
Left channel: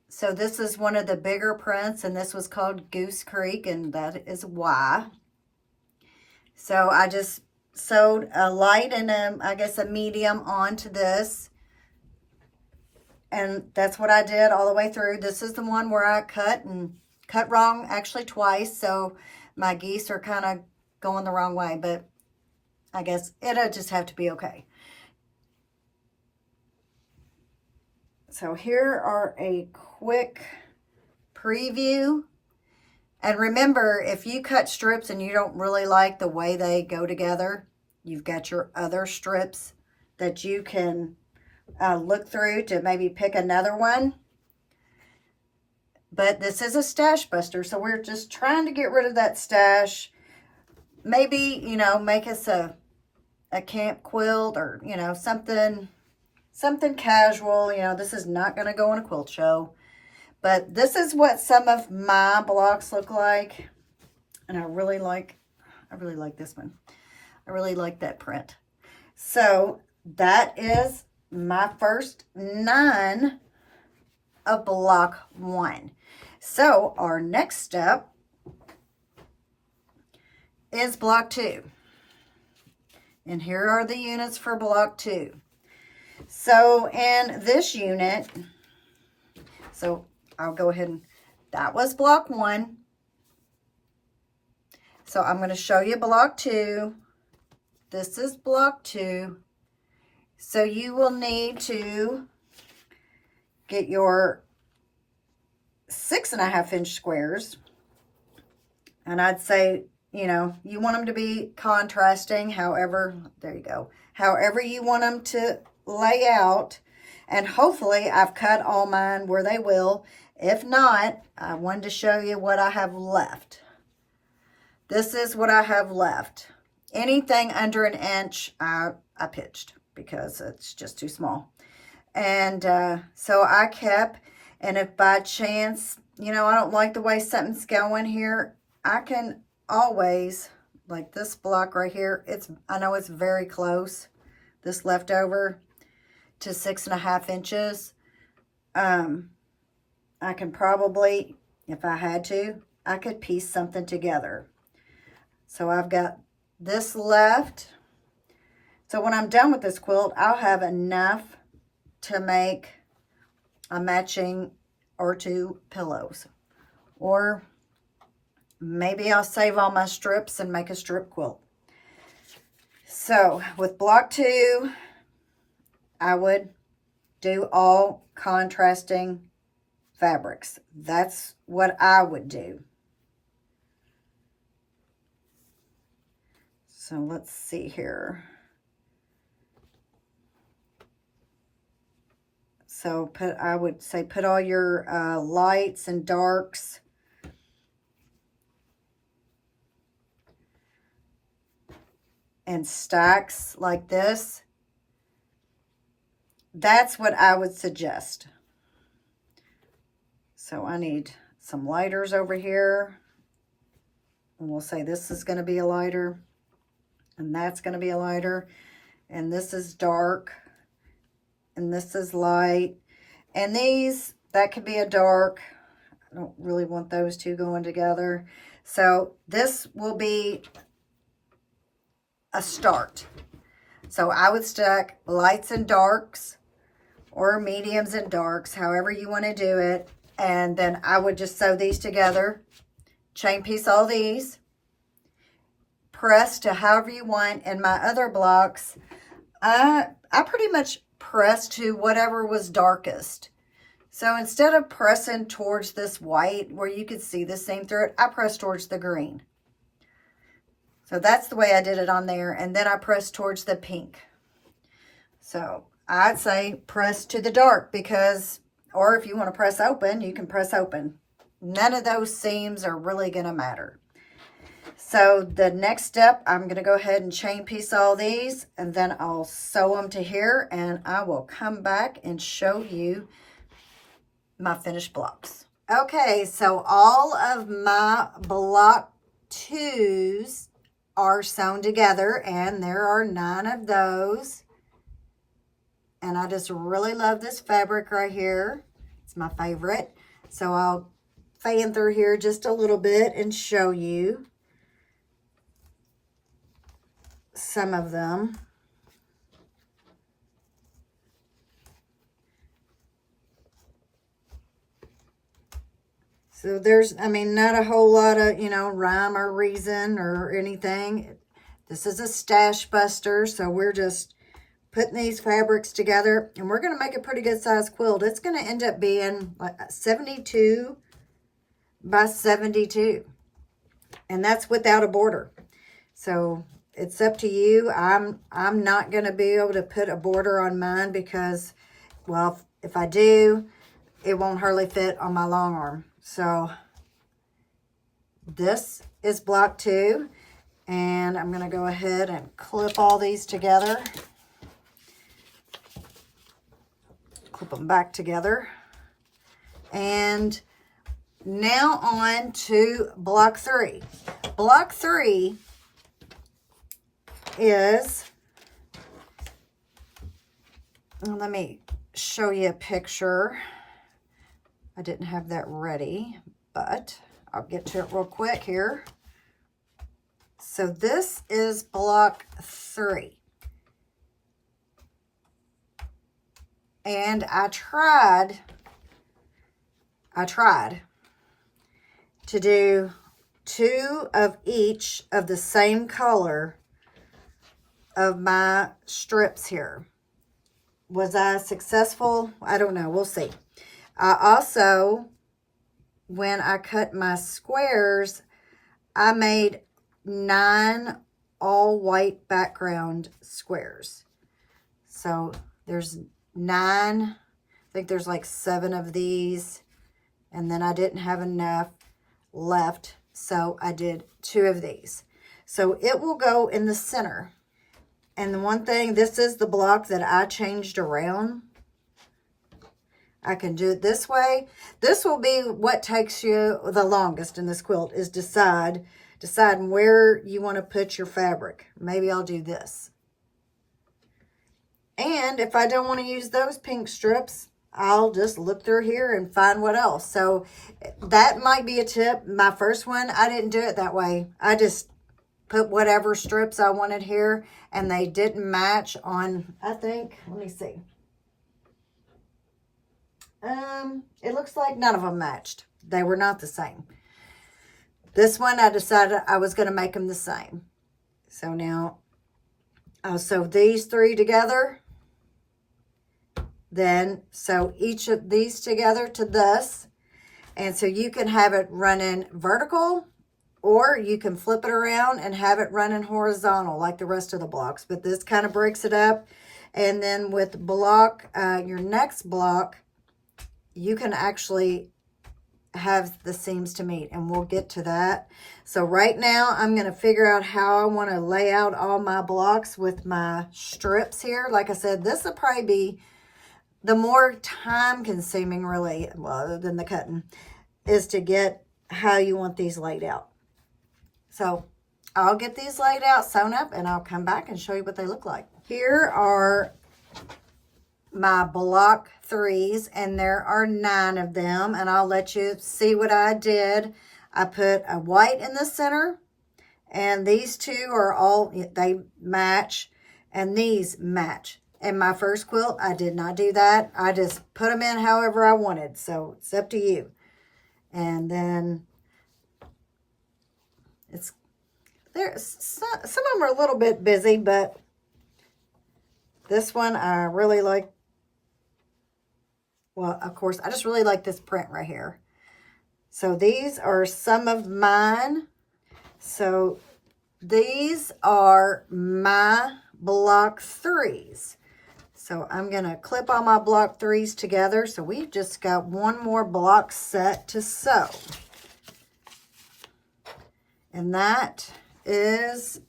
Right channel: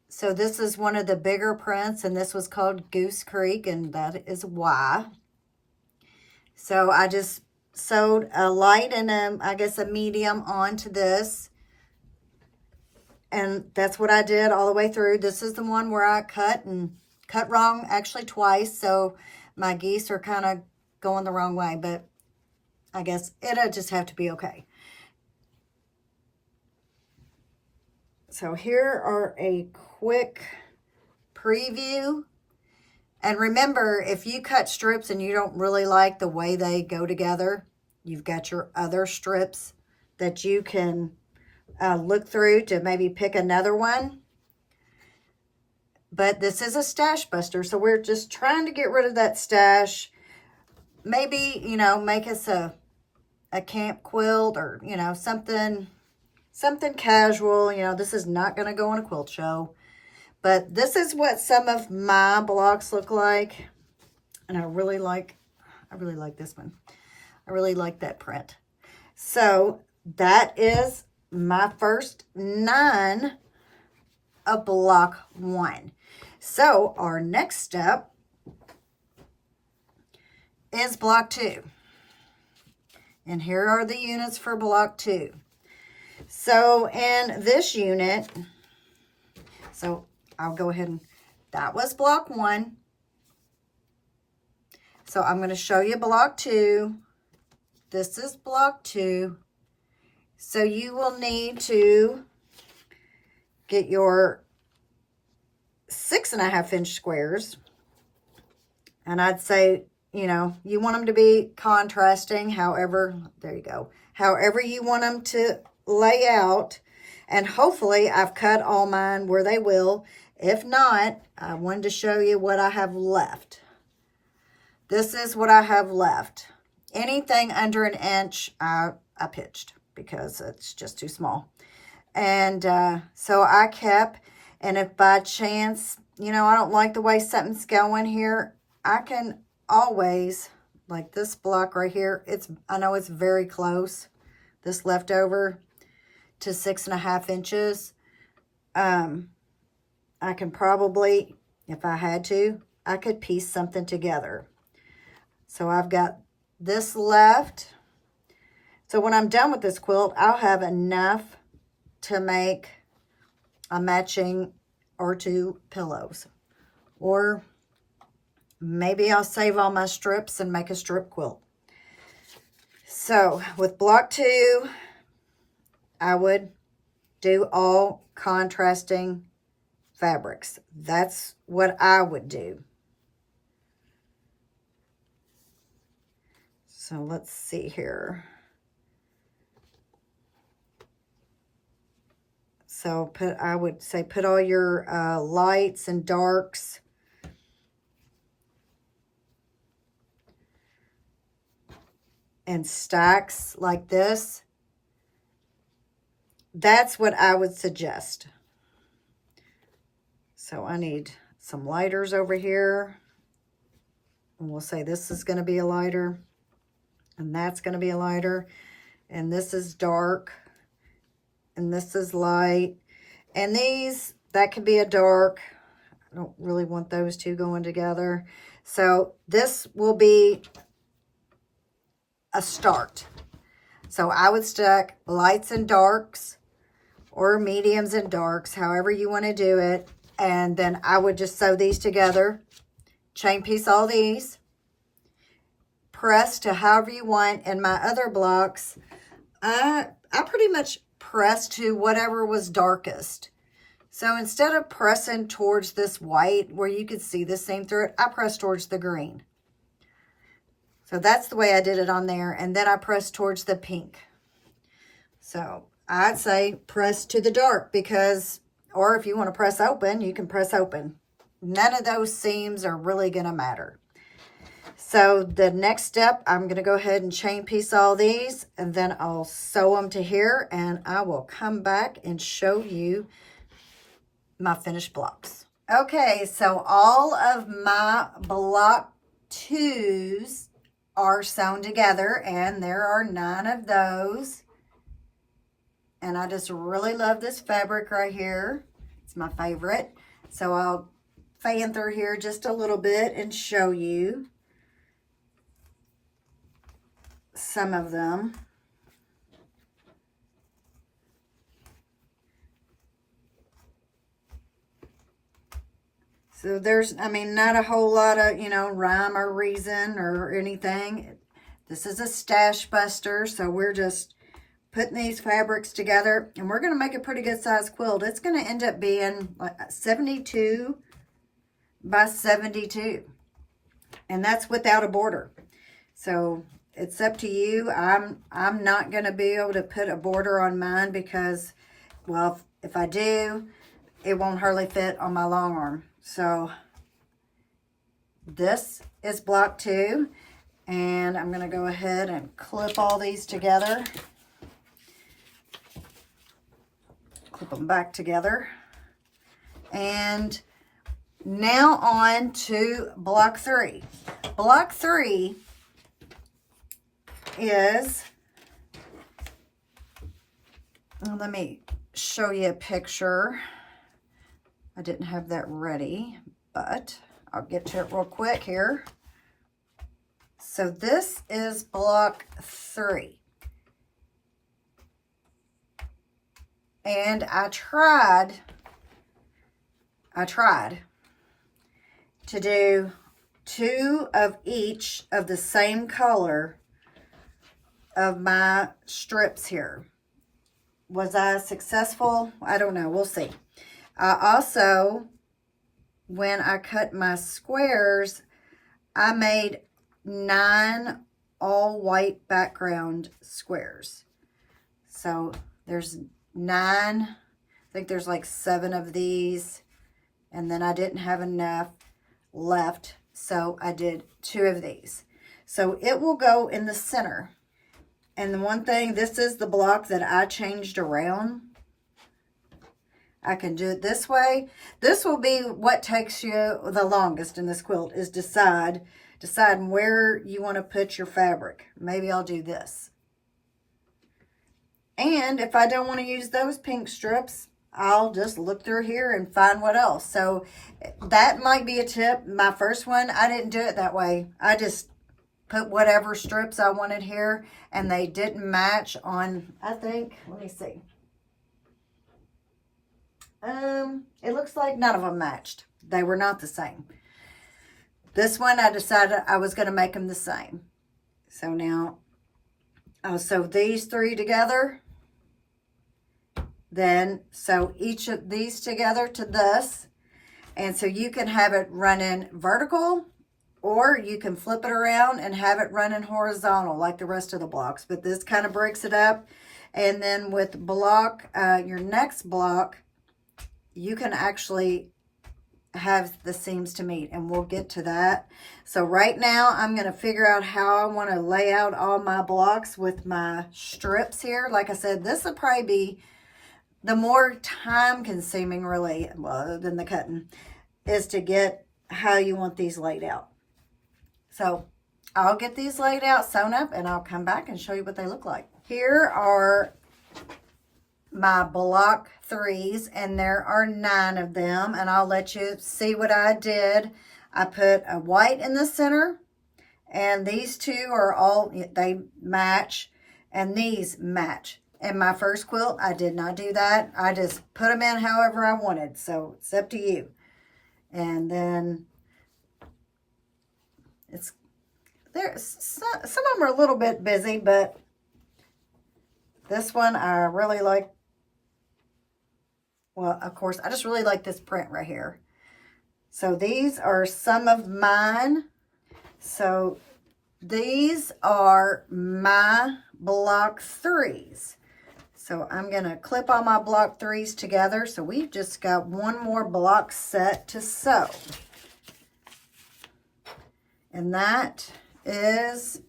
So this is one of the bigger prints, and this was called Goose Creek, and that is why. So I just sewed a light and I guess a medium onto this. And that's what I did all the way through. This is the one where I cut wrong actually twice. So My geese are kind of going the wrong way, but I guess it'll just have to be okay. So here are a quick preview. And remember, if you cut strips and you don't really like the way they go together, you've got your other strips that you can look through to maybe pick another one. But this is a stash buster, so we're just trying to get rid of that stash. Maybe, you know, make us a camp quilt, or, you know, something casual. You know, this is not going to go on a quilt show. But this is what some of my blocks look like. And I really like this one. I really like that print. So that is my first 9 of block 1. So our next step is block 2. And here are the units for block 2. So in this unit, so I'll go ahead and, that was block 1. So I'm going to show you block 2. This is block 2. So you will need to get your 6.5 inch squares. And I'd say, you know, you want them to be contrasting, however, there you go, however you want them to lay out. And hopefully I've cut all mine where they will. If not, I wanted to show you what I have left. This is what I have left. Anything under 1 inch, I pitched because it's just too small. And so I kept, and if by chance, you know, I don't like the way something's going here, I can always, like this block right here, I know it's very close, this leftover, to 6.5 inches. I can probably, if I had to, I could piece something together. So I've got this left. So when I'm done with this quilt, I'll have enough to make a matching or 2 pillows. Or maybe I'll save all my strips and make a strip quilt. So with block 2, I would do all contrasting fabrics. That's what I would do. So let's see here. So I would say put all your lights and darks and stacks like this. That's what I would suggest. So I need some lighters over here. And we'll say this is going to be a lighter. And that's going to be a lighter. And this is dark. And this is light. And these, that could be a dark. I don't really want those two going together. So this will be a start. So I would stack lights and darks, or mediums and darks, however you want to do it. And then I would just sew these together, chain piece all these, press to however you want. And my other blocks, I pretty much pressed to whatever was darkest. So instead of pressing towards this white where you could see the seam through it, I pressed towards the green. So that's the way I did it on there. And then I pressed towards the pink. So I'd say press to the dark, because, or if you want to press open, you can press open. None of those seams are really going to matter. So the next step, I'm going to go ahead and chain piece all these, and then I'll sew them to here, and I will come back and show you my finished blocks. Okay, so all of my block 2s are sewn together, and there are 9 of those. And I just really love this fabric right here. It's my favorite. So I'll fan through here just a little bit and show you some of them. So there's, I mean, not a whole lot of, you know, rhyme or reason or anything. This is a stash buster, so we're just putting these fabrics together, and we're going to make a pretty good size quilt. It's going to end up being like 72 by 72, and that's without a border. So it's up to you. I'm not going to be able to put a border on mine because, well, if I do, it won't hardly fit on my long arm. So this is block 2, and I'm going to go ahead and clip all these together. Clip them back together. And now on to block 3. Block 3 is, well, let me show you a picture. I didn't have that ready, but I'll get to it real quick here. So this is block 3. And I tried to do 2 of each of the same color of my strips here. Was I successful? I don't know. We'll see. I also, when I cut my squares, I made 9 all white background squares. So there's 9. I think there's like 7 of these. And then I didn't have enough left, so I did 2 of these. So it will go in the center. And the one thing, this is the block that I changed around. I can do it this way. This will be what takes you the longest in this quilt, is deciding where you want to put your fabric. Maybe I'll do this. And if I don't want to use those pink strips, I'll just look through here and find what else. So that might be a tip. My first one, I didn't do it that way. I just put whatever strips I wanted here, and they didn't match on, I think, let me see. It looks like none of them matched. They were not the same. This one, I decided I was going to make them the same. So now, I'll sew these 3 together. Then sew each of these together to this. And so you can have it running vertical, or you can flip it around and have it running horizontal like the rest of the blocks. But this kind of breaks it up. And then with block, your next block, you can actually have the seams to meet, and we'll get to that. So right now I'm going to figure out how I want to lay out all my blocks with my strips here. Like I said, this will probably be the more time consuming, really, well, than the cutting, is to get how you want these laid out. So I'll get these laid out, sewn up, and I'll come back and show you what they look like. Here are my block 3s, and there are 9 of them, and I'll let you see what I did. I put a white in the center, and these 2 are all, they match, and these match. In my first quilt, I did not do that. I just put them in however I wanted, so it's up to you. And then it's there. Some of them are a little bit busy, but this one I really like. Well, of course, I just really like this print right here. So these are some of mine. So these are my block 3s. So I'm going to clip all my block 3s together. So we've just got one more block set to sew. And that is,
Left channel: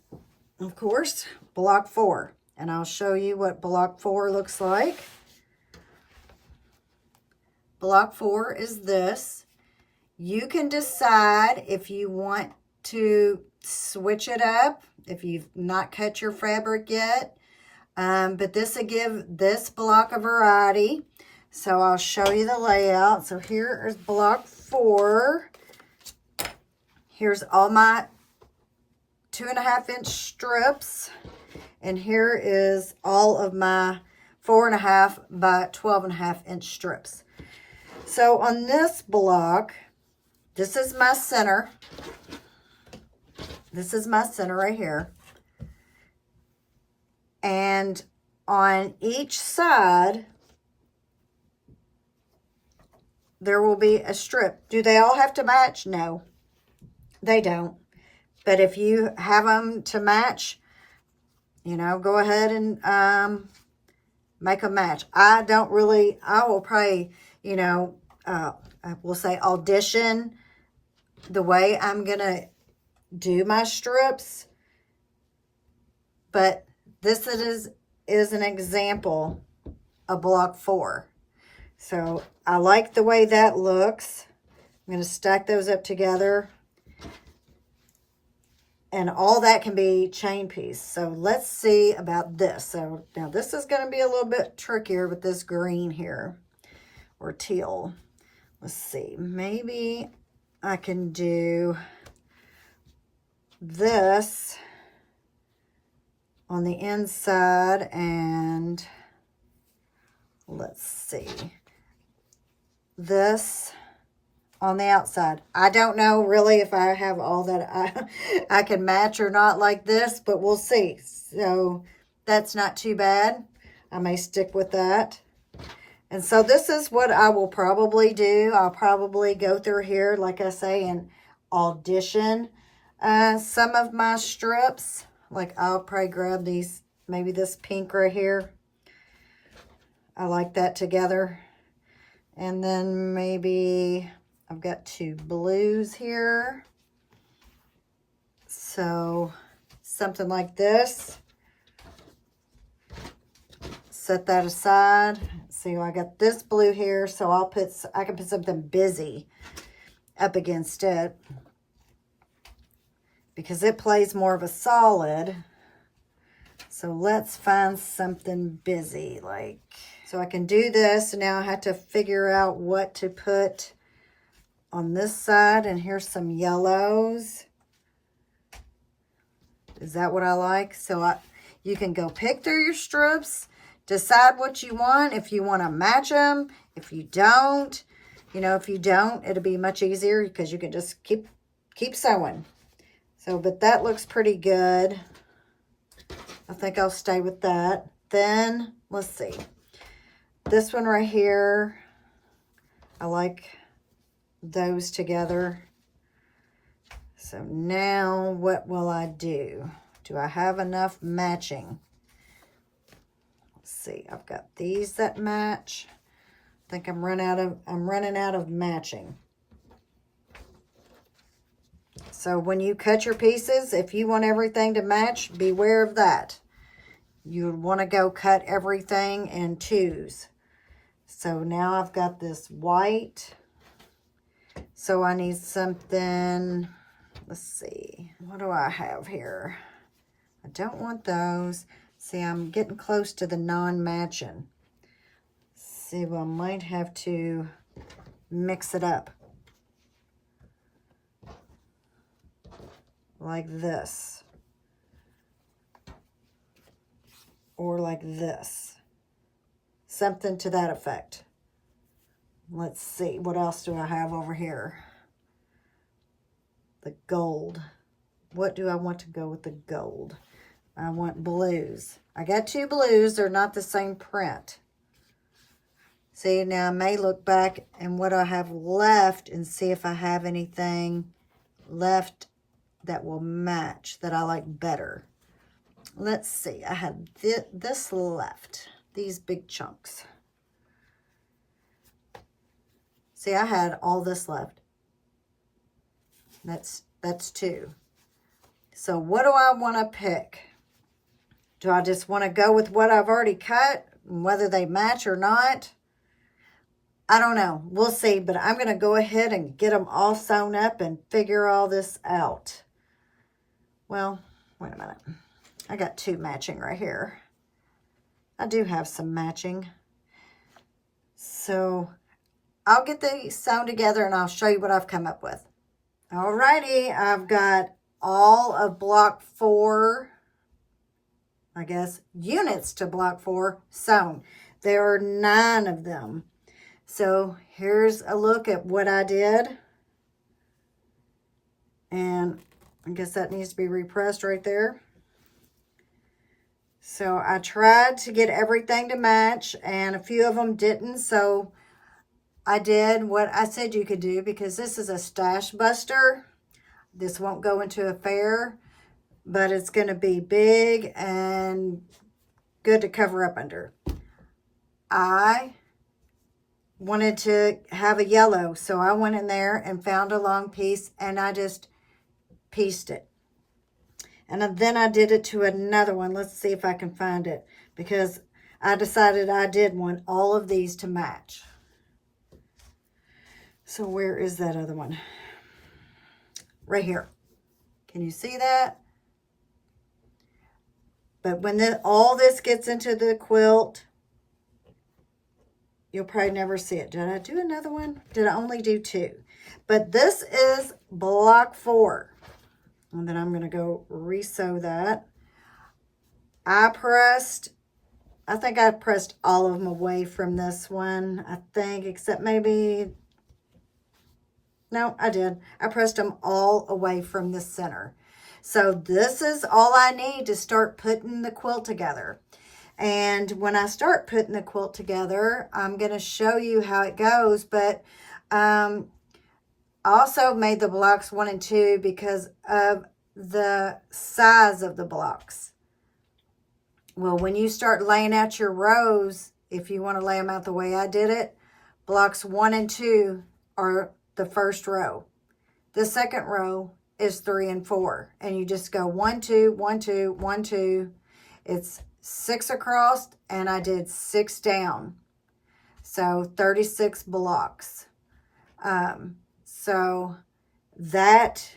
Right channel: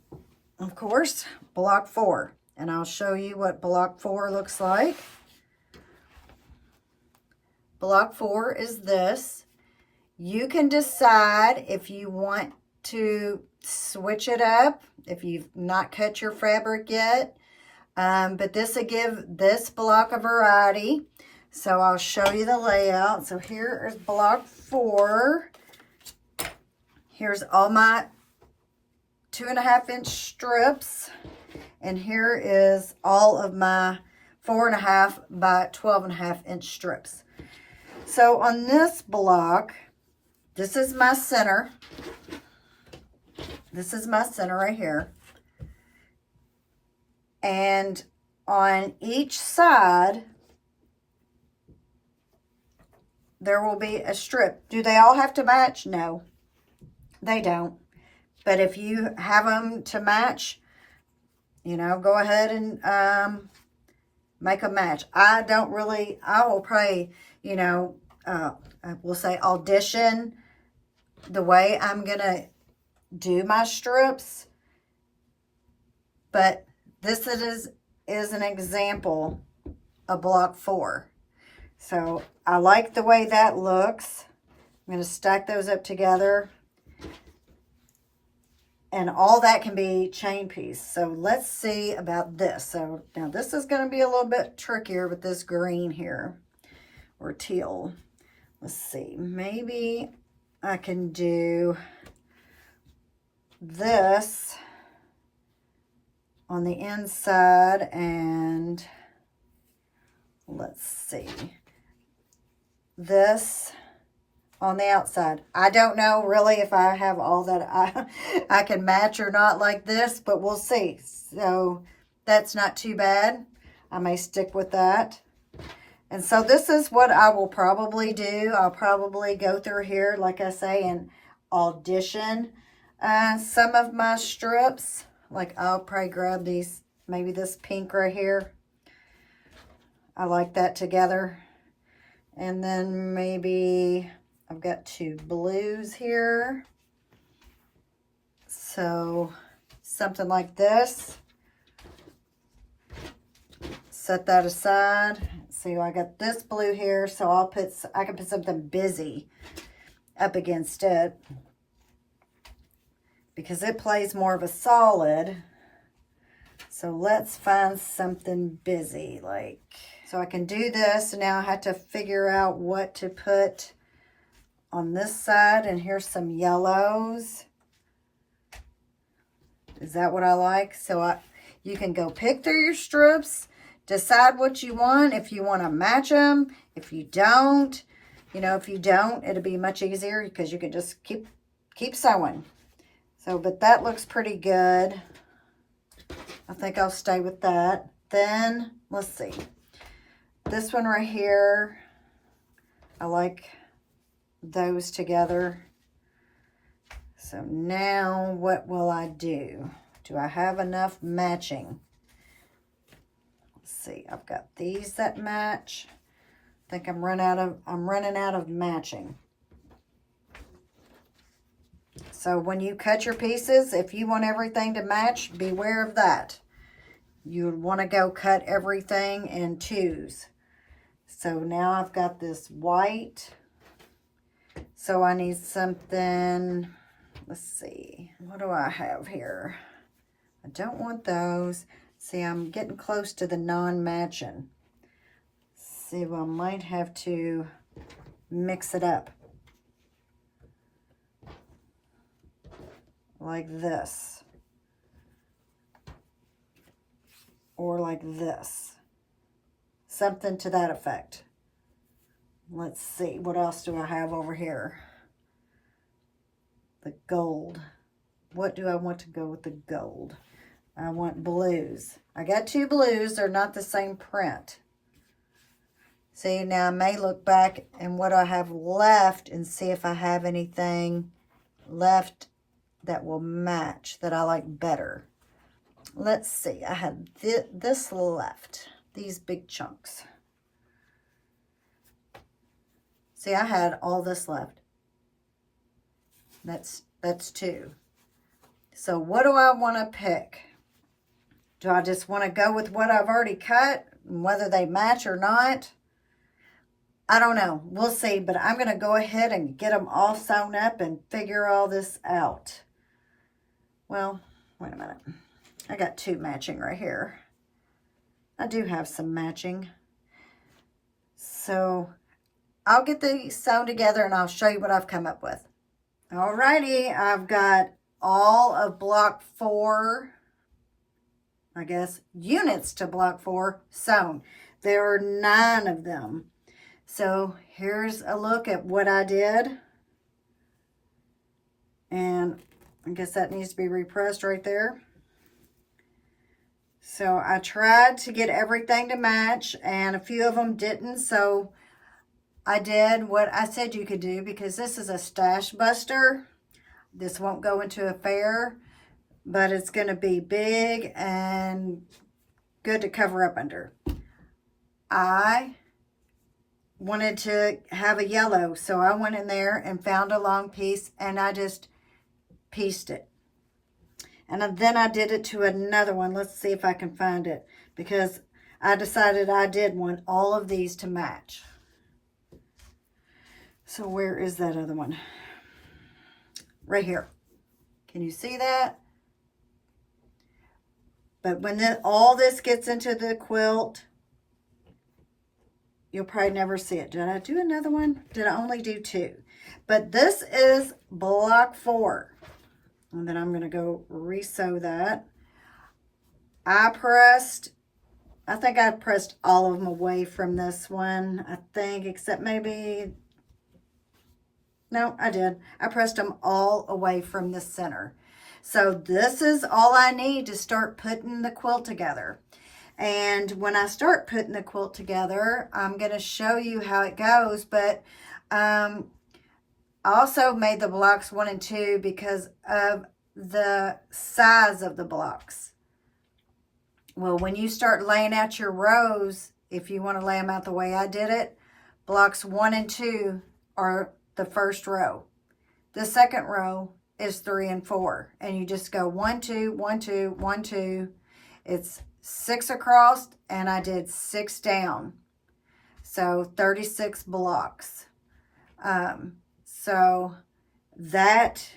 of course, block 4. And I'll show you what block 4 looks like. Block 4 is this. You can decide if you want to switch it up, if you've not cut your fabric yet. But this will give this block a variety. So I'll show you the layout. So here is block 4. Here's all my 2.5-inch strips. And here is all of my 4.5 by 12.5-inch strips. So on this block, this is my center. This is my center right here. And on each side, there will be a strip. Do they all have to match? No, they don't. But if you have them to match, you know, go ahead and make a match. I will probably, you know, we'll say audition the way I'm going to do my strips. But this is an example of block 4. So I like the way that looks. I'm going to stack those up together. And all that can be chain piece. So let's see about this. So now this is going to be a little bit trickier with this green here, or teal. Let's see. Maybe I can do this on the inside, and let's see, this on the outside. I don't know really if I have all that I can match or not like this, but we'll see. So that's not too bad. I may stick with that. And so this is what I will probably do. I'll probably go through here, like I say, and audition some of my strips. Like I'll probably grab these, maybe this pink right here. I like that together. And then maybe I've got 2 blues here. So something like this. Set that aside. See, I got this blue here, so I can put something busy up against it because it plays more of a solid. So let's find something busy, like, so I can do this. Now I have to figure out what to put on this side, and here's some yellows. Is that what I like? So you can go pick through your strips, decide what you want, if you want to match them. If you don't, you know, if you don't, it'll be much easier because you can just keep sewing. So, but that looks pretty good. I think I'll stay with that. Then, let's see. This one right here, I like those together. So now what will I do? Do I have enough matching? Let's see. I've got these that match. I think I'm running out of matching. So when you cut your pieces, if you want everything to match, beware of that. You want to go cut everything in 2s. So now I've got this white. So I need something, let's see, what do I have here? I don't want those. See, I'm getting close to the non-matching. See, well, I might have to mix it up. Like this. Or like this. Something to that effect. Let's see, what else do I have over here? The gold. What do I want to go with the gold? I want blues. I got 2 blues. They're not the same print. See, now I may look back and what I have left and see if I have anything left that will match, that I like better. Let's see. I have this left. These big chunks. See, I had all this left. That's 2. So what do I want to pick? Do I just want to go with what I've already cut, whether they match or not? I don't know. We'll see, but I'm going to go ahead and get them all sewn up and figure all this out. Well, wait a minute. I got 2 matching right here. I do have some matching. So I'll get these sewn together and I'll show you what I've come up with. Alrighty, I've got all of block 4, I guess, units to block 4 sewn. There are 9 of them. So here's a look at what I did. And I guess that needs to be repressed right there. So I tried to get everything to match, and a few of them didn't. So I did what I said you could do, because this is a stash buster. This won't go into a fair, but it's going to be big and good to cover up under. I wanted to have a yellow, so I went in there and found a long piece, and I just pieced it. And then I did it to another one. Let's see if I can find it, because I decided I did want all of these to match. So where is that other one? Right here. Can you see that? But when all this gets into the quilt, you'll probably never see it. Did I do another one? Did I only do 2? But this is block 4. And then I'm going to go re-sew that. I think I pressed all of them away from this one. I think, except maybe, no, I did. I pressed them all away from the center. So this is all I need to start putting the quilt together. And when I start putting the quilt together, I'm going to show you how it goes. But I also made the blocks 1 and 2 because of the size of the blocks. Well, when you start laying out your rows, if you want to lay them out the way I did it, blocks 1 and 2 are the first row. The second row is 3 and 4. And you just go 1, 2, 1, 2, 1, 2. It's 6 across, and I did 6 down. So 36 blocks. So that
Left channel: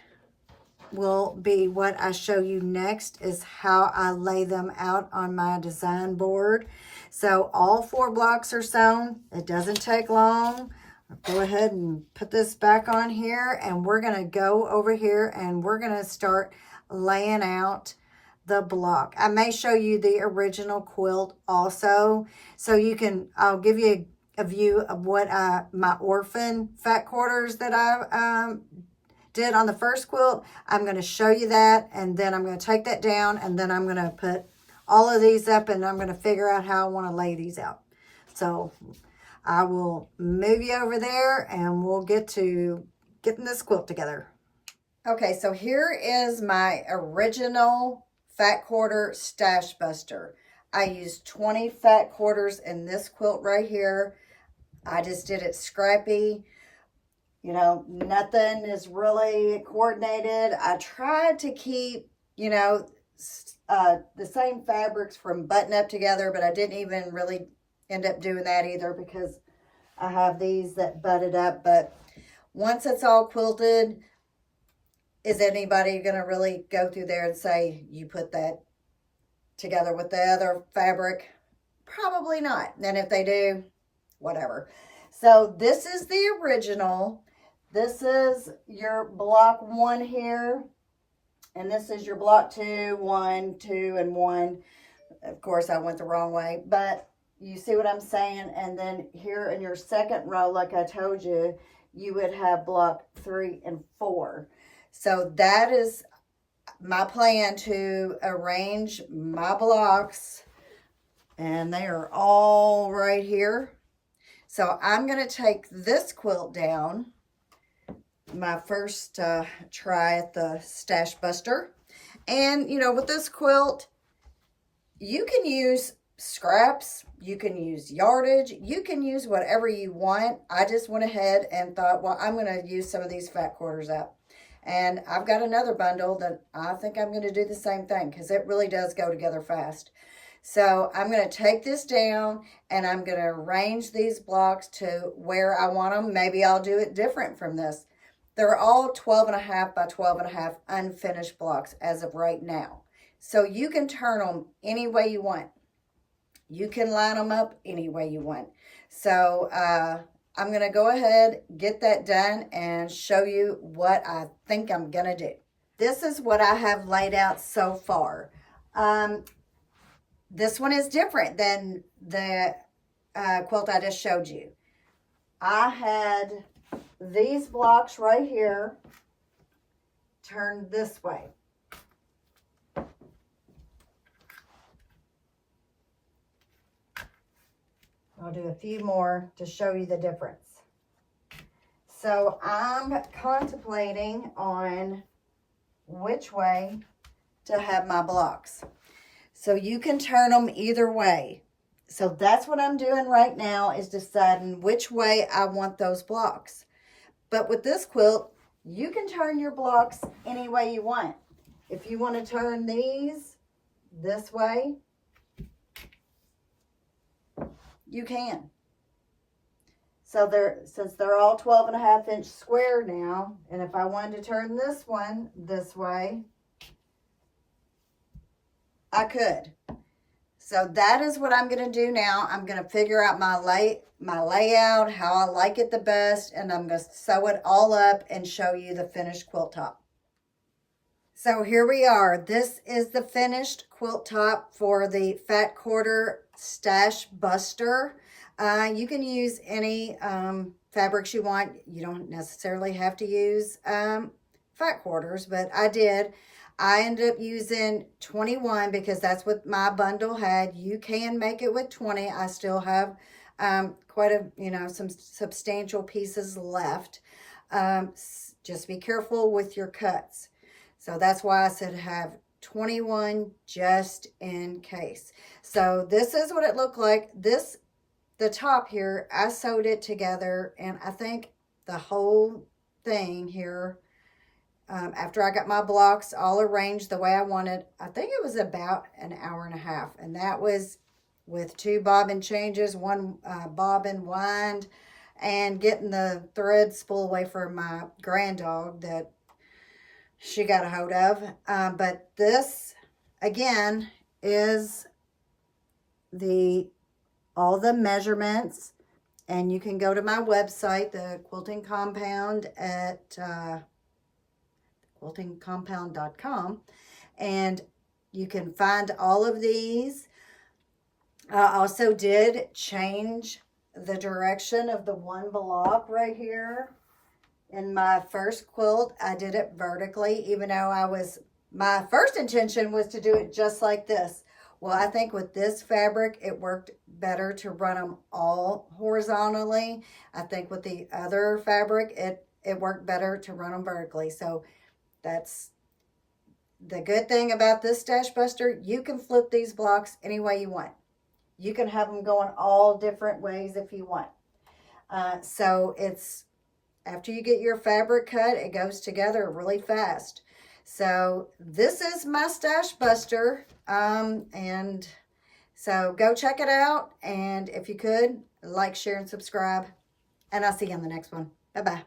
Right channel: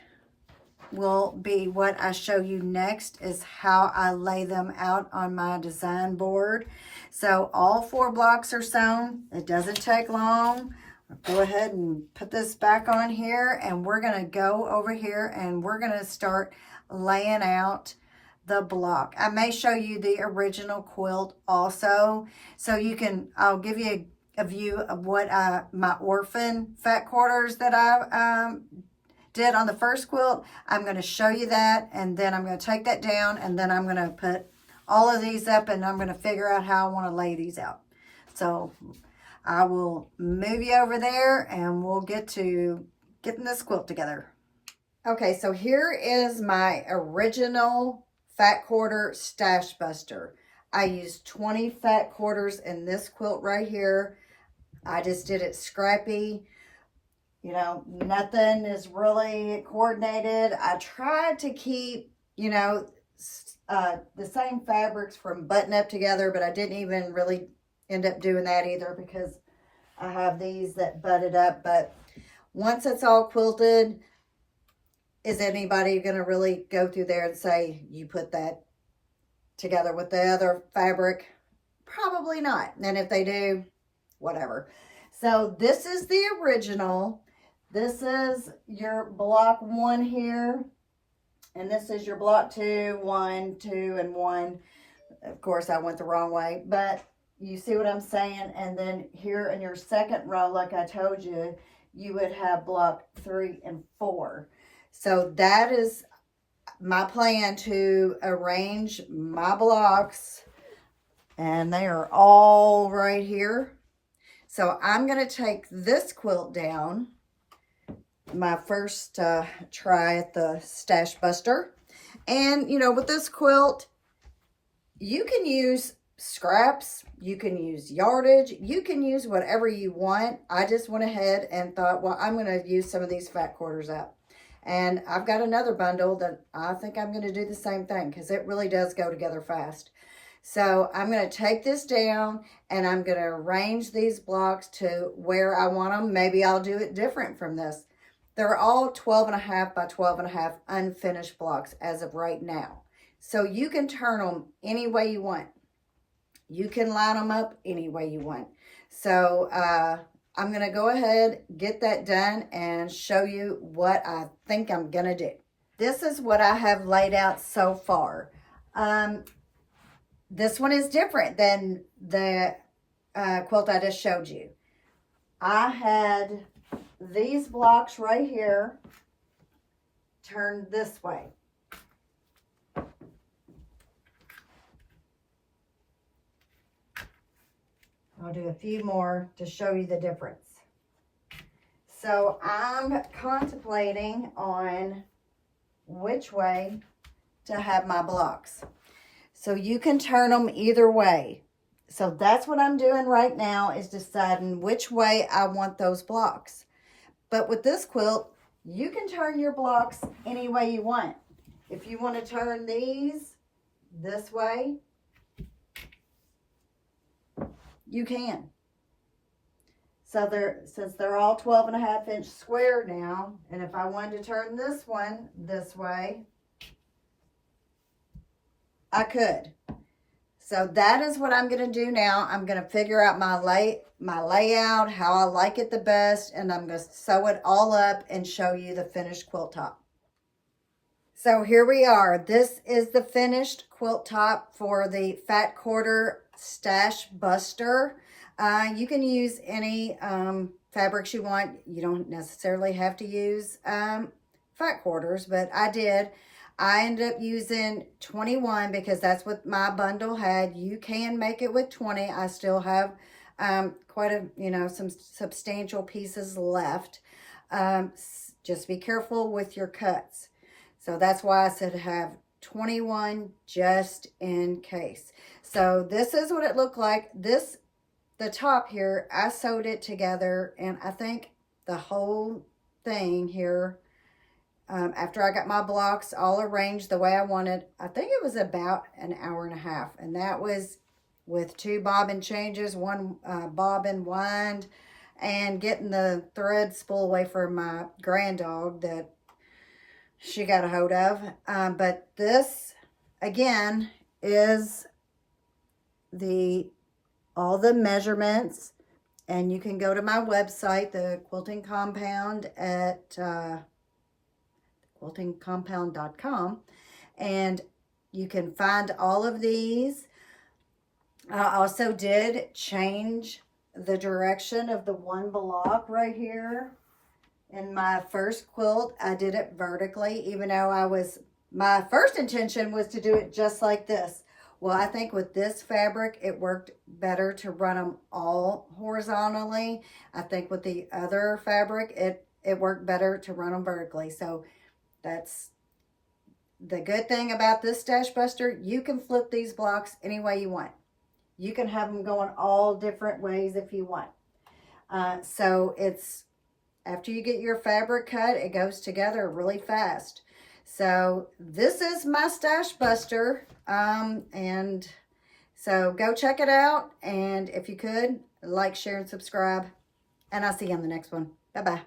will be what I show you next, is how I lay them out on my design board. So all 4 blocks are sewn. It doesn't take long. I'll go ahead and put this back on here, and we're going to go over here and we're going to start laying out the block. I may show you the original quilt also, so you can, I'll give you a view of what my orphan fat quarters that I did on the first quilt. I'm going to show you that, and then I'm going to take that down, and then I'm going to put all of these up, and I'm going to figure out how I want to lay these out. So I will move you over there, and we'll get to getting this quilt together. Okay, so here is my original fat quarter stash buster. I used 20 fat quarters in this quilt right here. I just did it scrappy. You know, nothing is really coordinated. I tried to keep, you know, the same fabrics from button up together, but I didn't even really end up doing that either, because I have these that butted up. But once it's all quilted, is anybody going to really go through there and say you put that together with the other fabric? Probably not. And if they do, whatever. So this is the original. This is your block 1 here. And this is your block 2, 1, 2, and 1. Of course, I went the wrong way, but you see what I'm saying? And then here in your second row, like I told you, you would have block 3 and 4. So that is my plan, to arrange my blocks, and they are all right here. So I'm going to take this quilt down, my first try at the stash buster. And, you know, with this quilt, you can use scraps, you can use yardage, you can use whatever you want. I just went ahead and thought, well, I'm going to use some of these fat quarters out. And I've got another bundle that I think I'm going to do the same thing, because it really does go together fast. So I'm going to take this down, and I'm going to arrange these blocks to where I want them. Maybe I'll do it different from this. They're all 12.5 by 12.5 unfinished blocks as of right now. So you can turn them any way you want. You can line them up any way you want. So I'm going to go ahead, get that done, and show you what I think I'm going to do. This is what I have laid out so far. This one is different than the quilt I just showed you. I had these blocks right here turn this way. I'll do a few more to show you the difference. So I'm contemplating on which way to have my blocks. So you can turn them either way. So that's what I'm doing right now, is deciding which way I want those blocks. But with this quilt, you can turn your blocks any way you want. If you want to turn these this way, you can. So since they're all 12.5-inch square now, and if I wanted to turn this one this way, I could. So that is what I'm going to do now. I'm going to figure out my layout, how I like it the best, and I'm going to sew it all up and show you the finished quilt top. So here we are. This is the finished quilt top for the Fat Quarter Stash Buster. You can use any fabrics you want. You don't necessarily have to use fat quarters, but I did. I ended up using 21 because that's what my bundle had. You can make it with 20. I still have quite a, some substantial pieces left. Just be careful with your cuts. So that's why I said have 21 just in case. So this is what it looked like. The top here, I sewed it together, and I think the whole thing here, after I got my blocks all arranged the way I wanted, I think it was about an hour and a half. And that was with 2 bobbin changes, 1 bobbin wind, and getting the thread spool away from my granddog that she got a hold of. But this, again, is all the measurements, and you can go to my website, the Quilting Compound, at Thequiltingcompound.com, and you can find all of these. I also did change the direction of the one block right here. In my first quilt, I did it vertically, even though my first intention was to do it just like this. Well, I think with this fabric, it worked better to run them all horizontally. I think with the other fabric, it worked better to run them vertically. So that's the good thing about this Stash Buster. You can flip these blocks any way you want. You can have them going all different ways if you want. So it's, after you get your fabric cut, it goes together really fast. So this is my Stash Buster, and so go check it out, and if you could, like, share, and subscribe, and I'll see you on the next one. Bye-bye.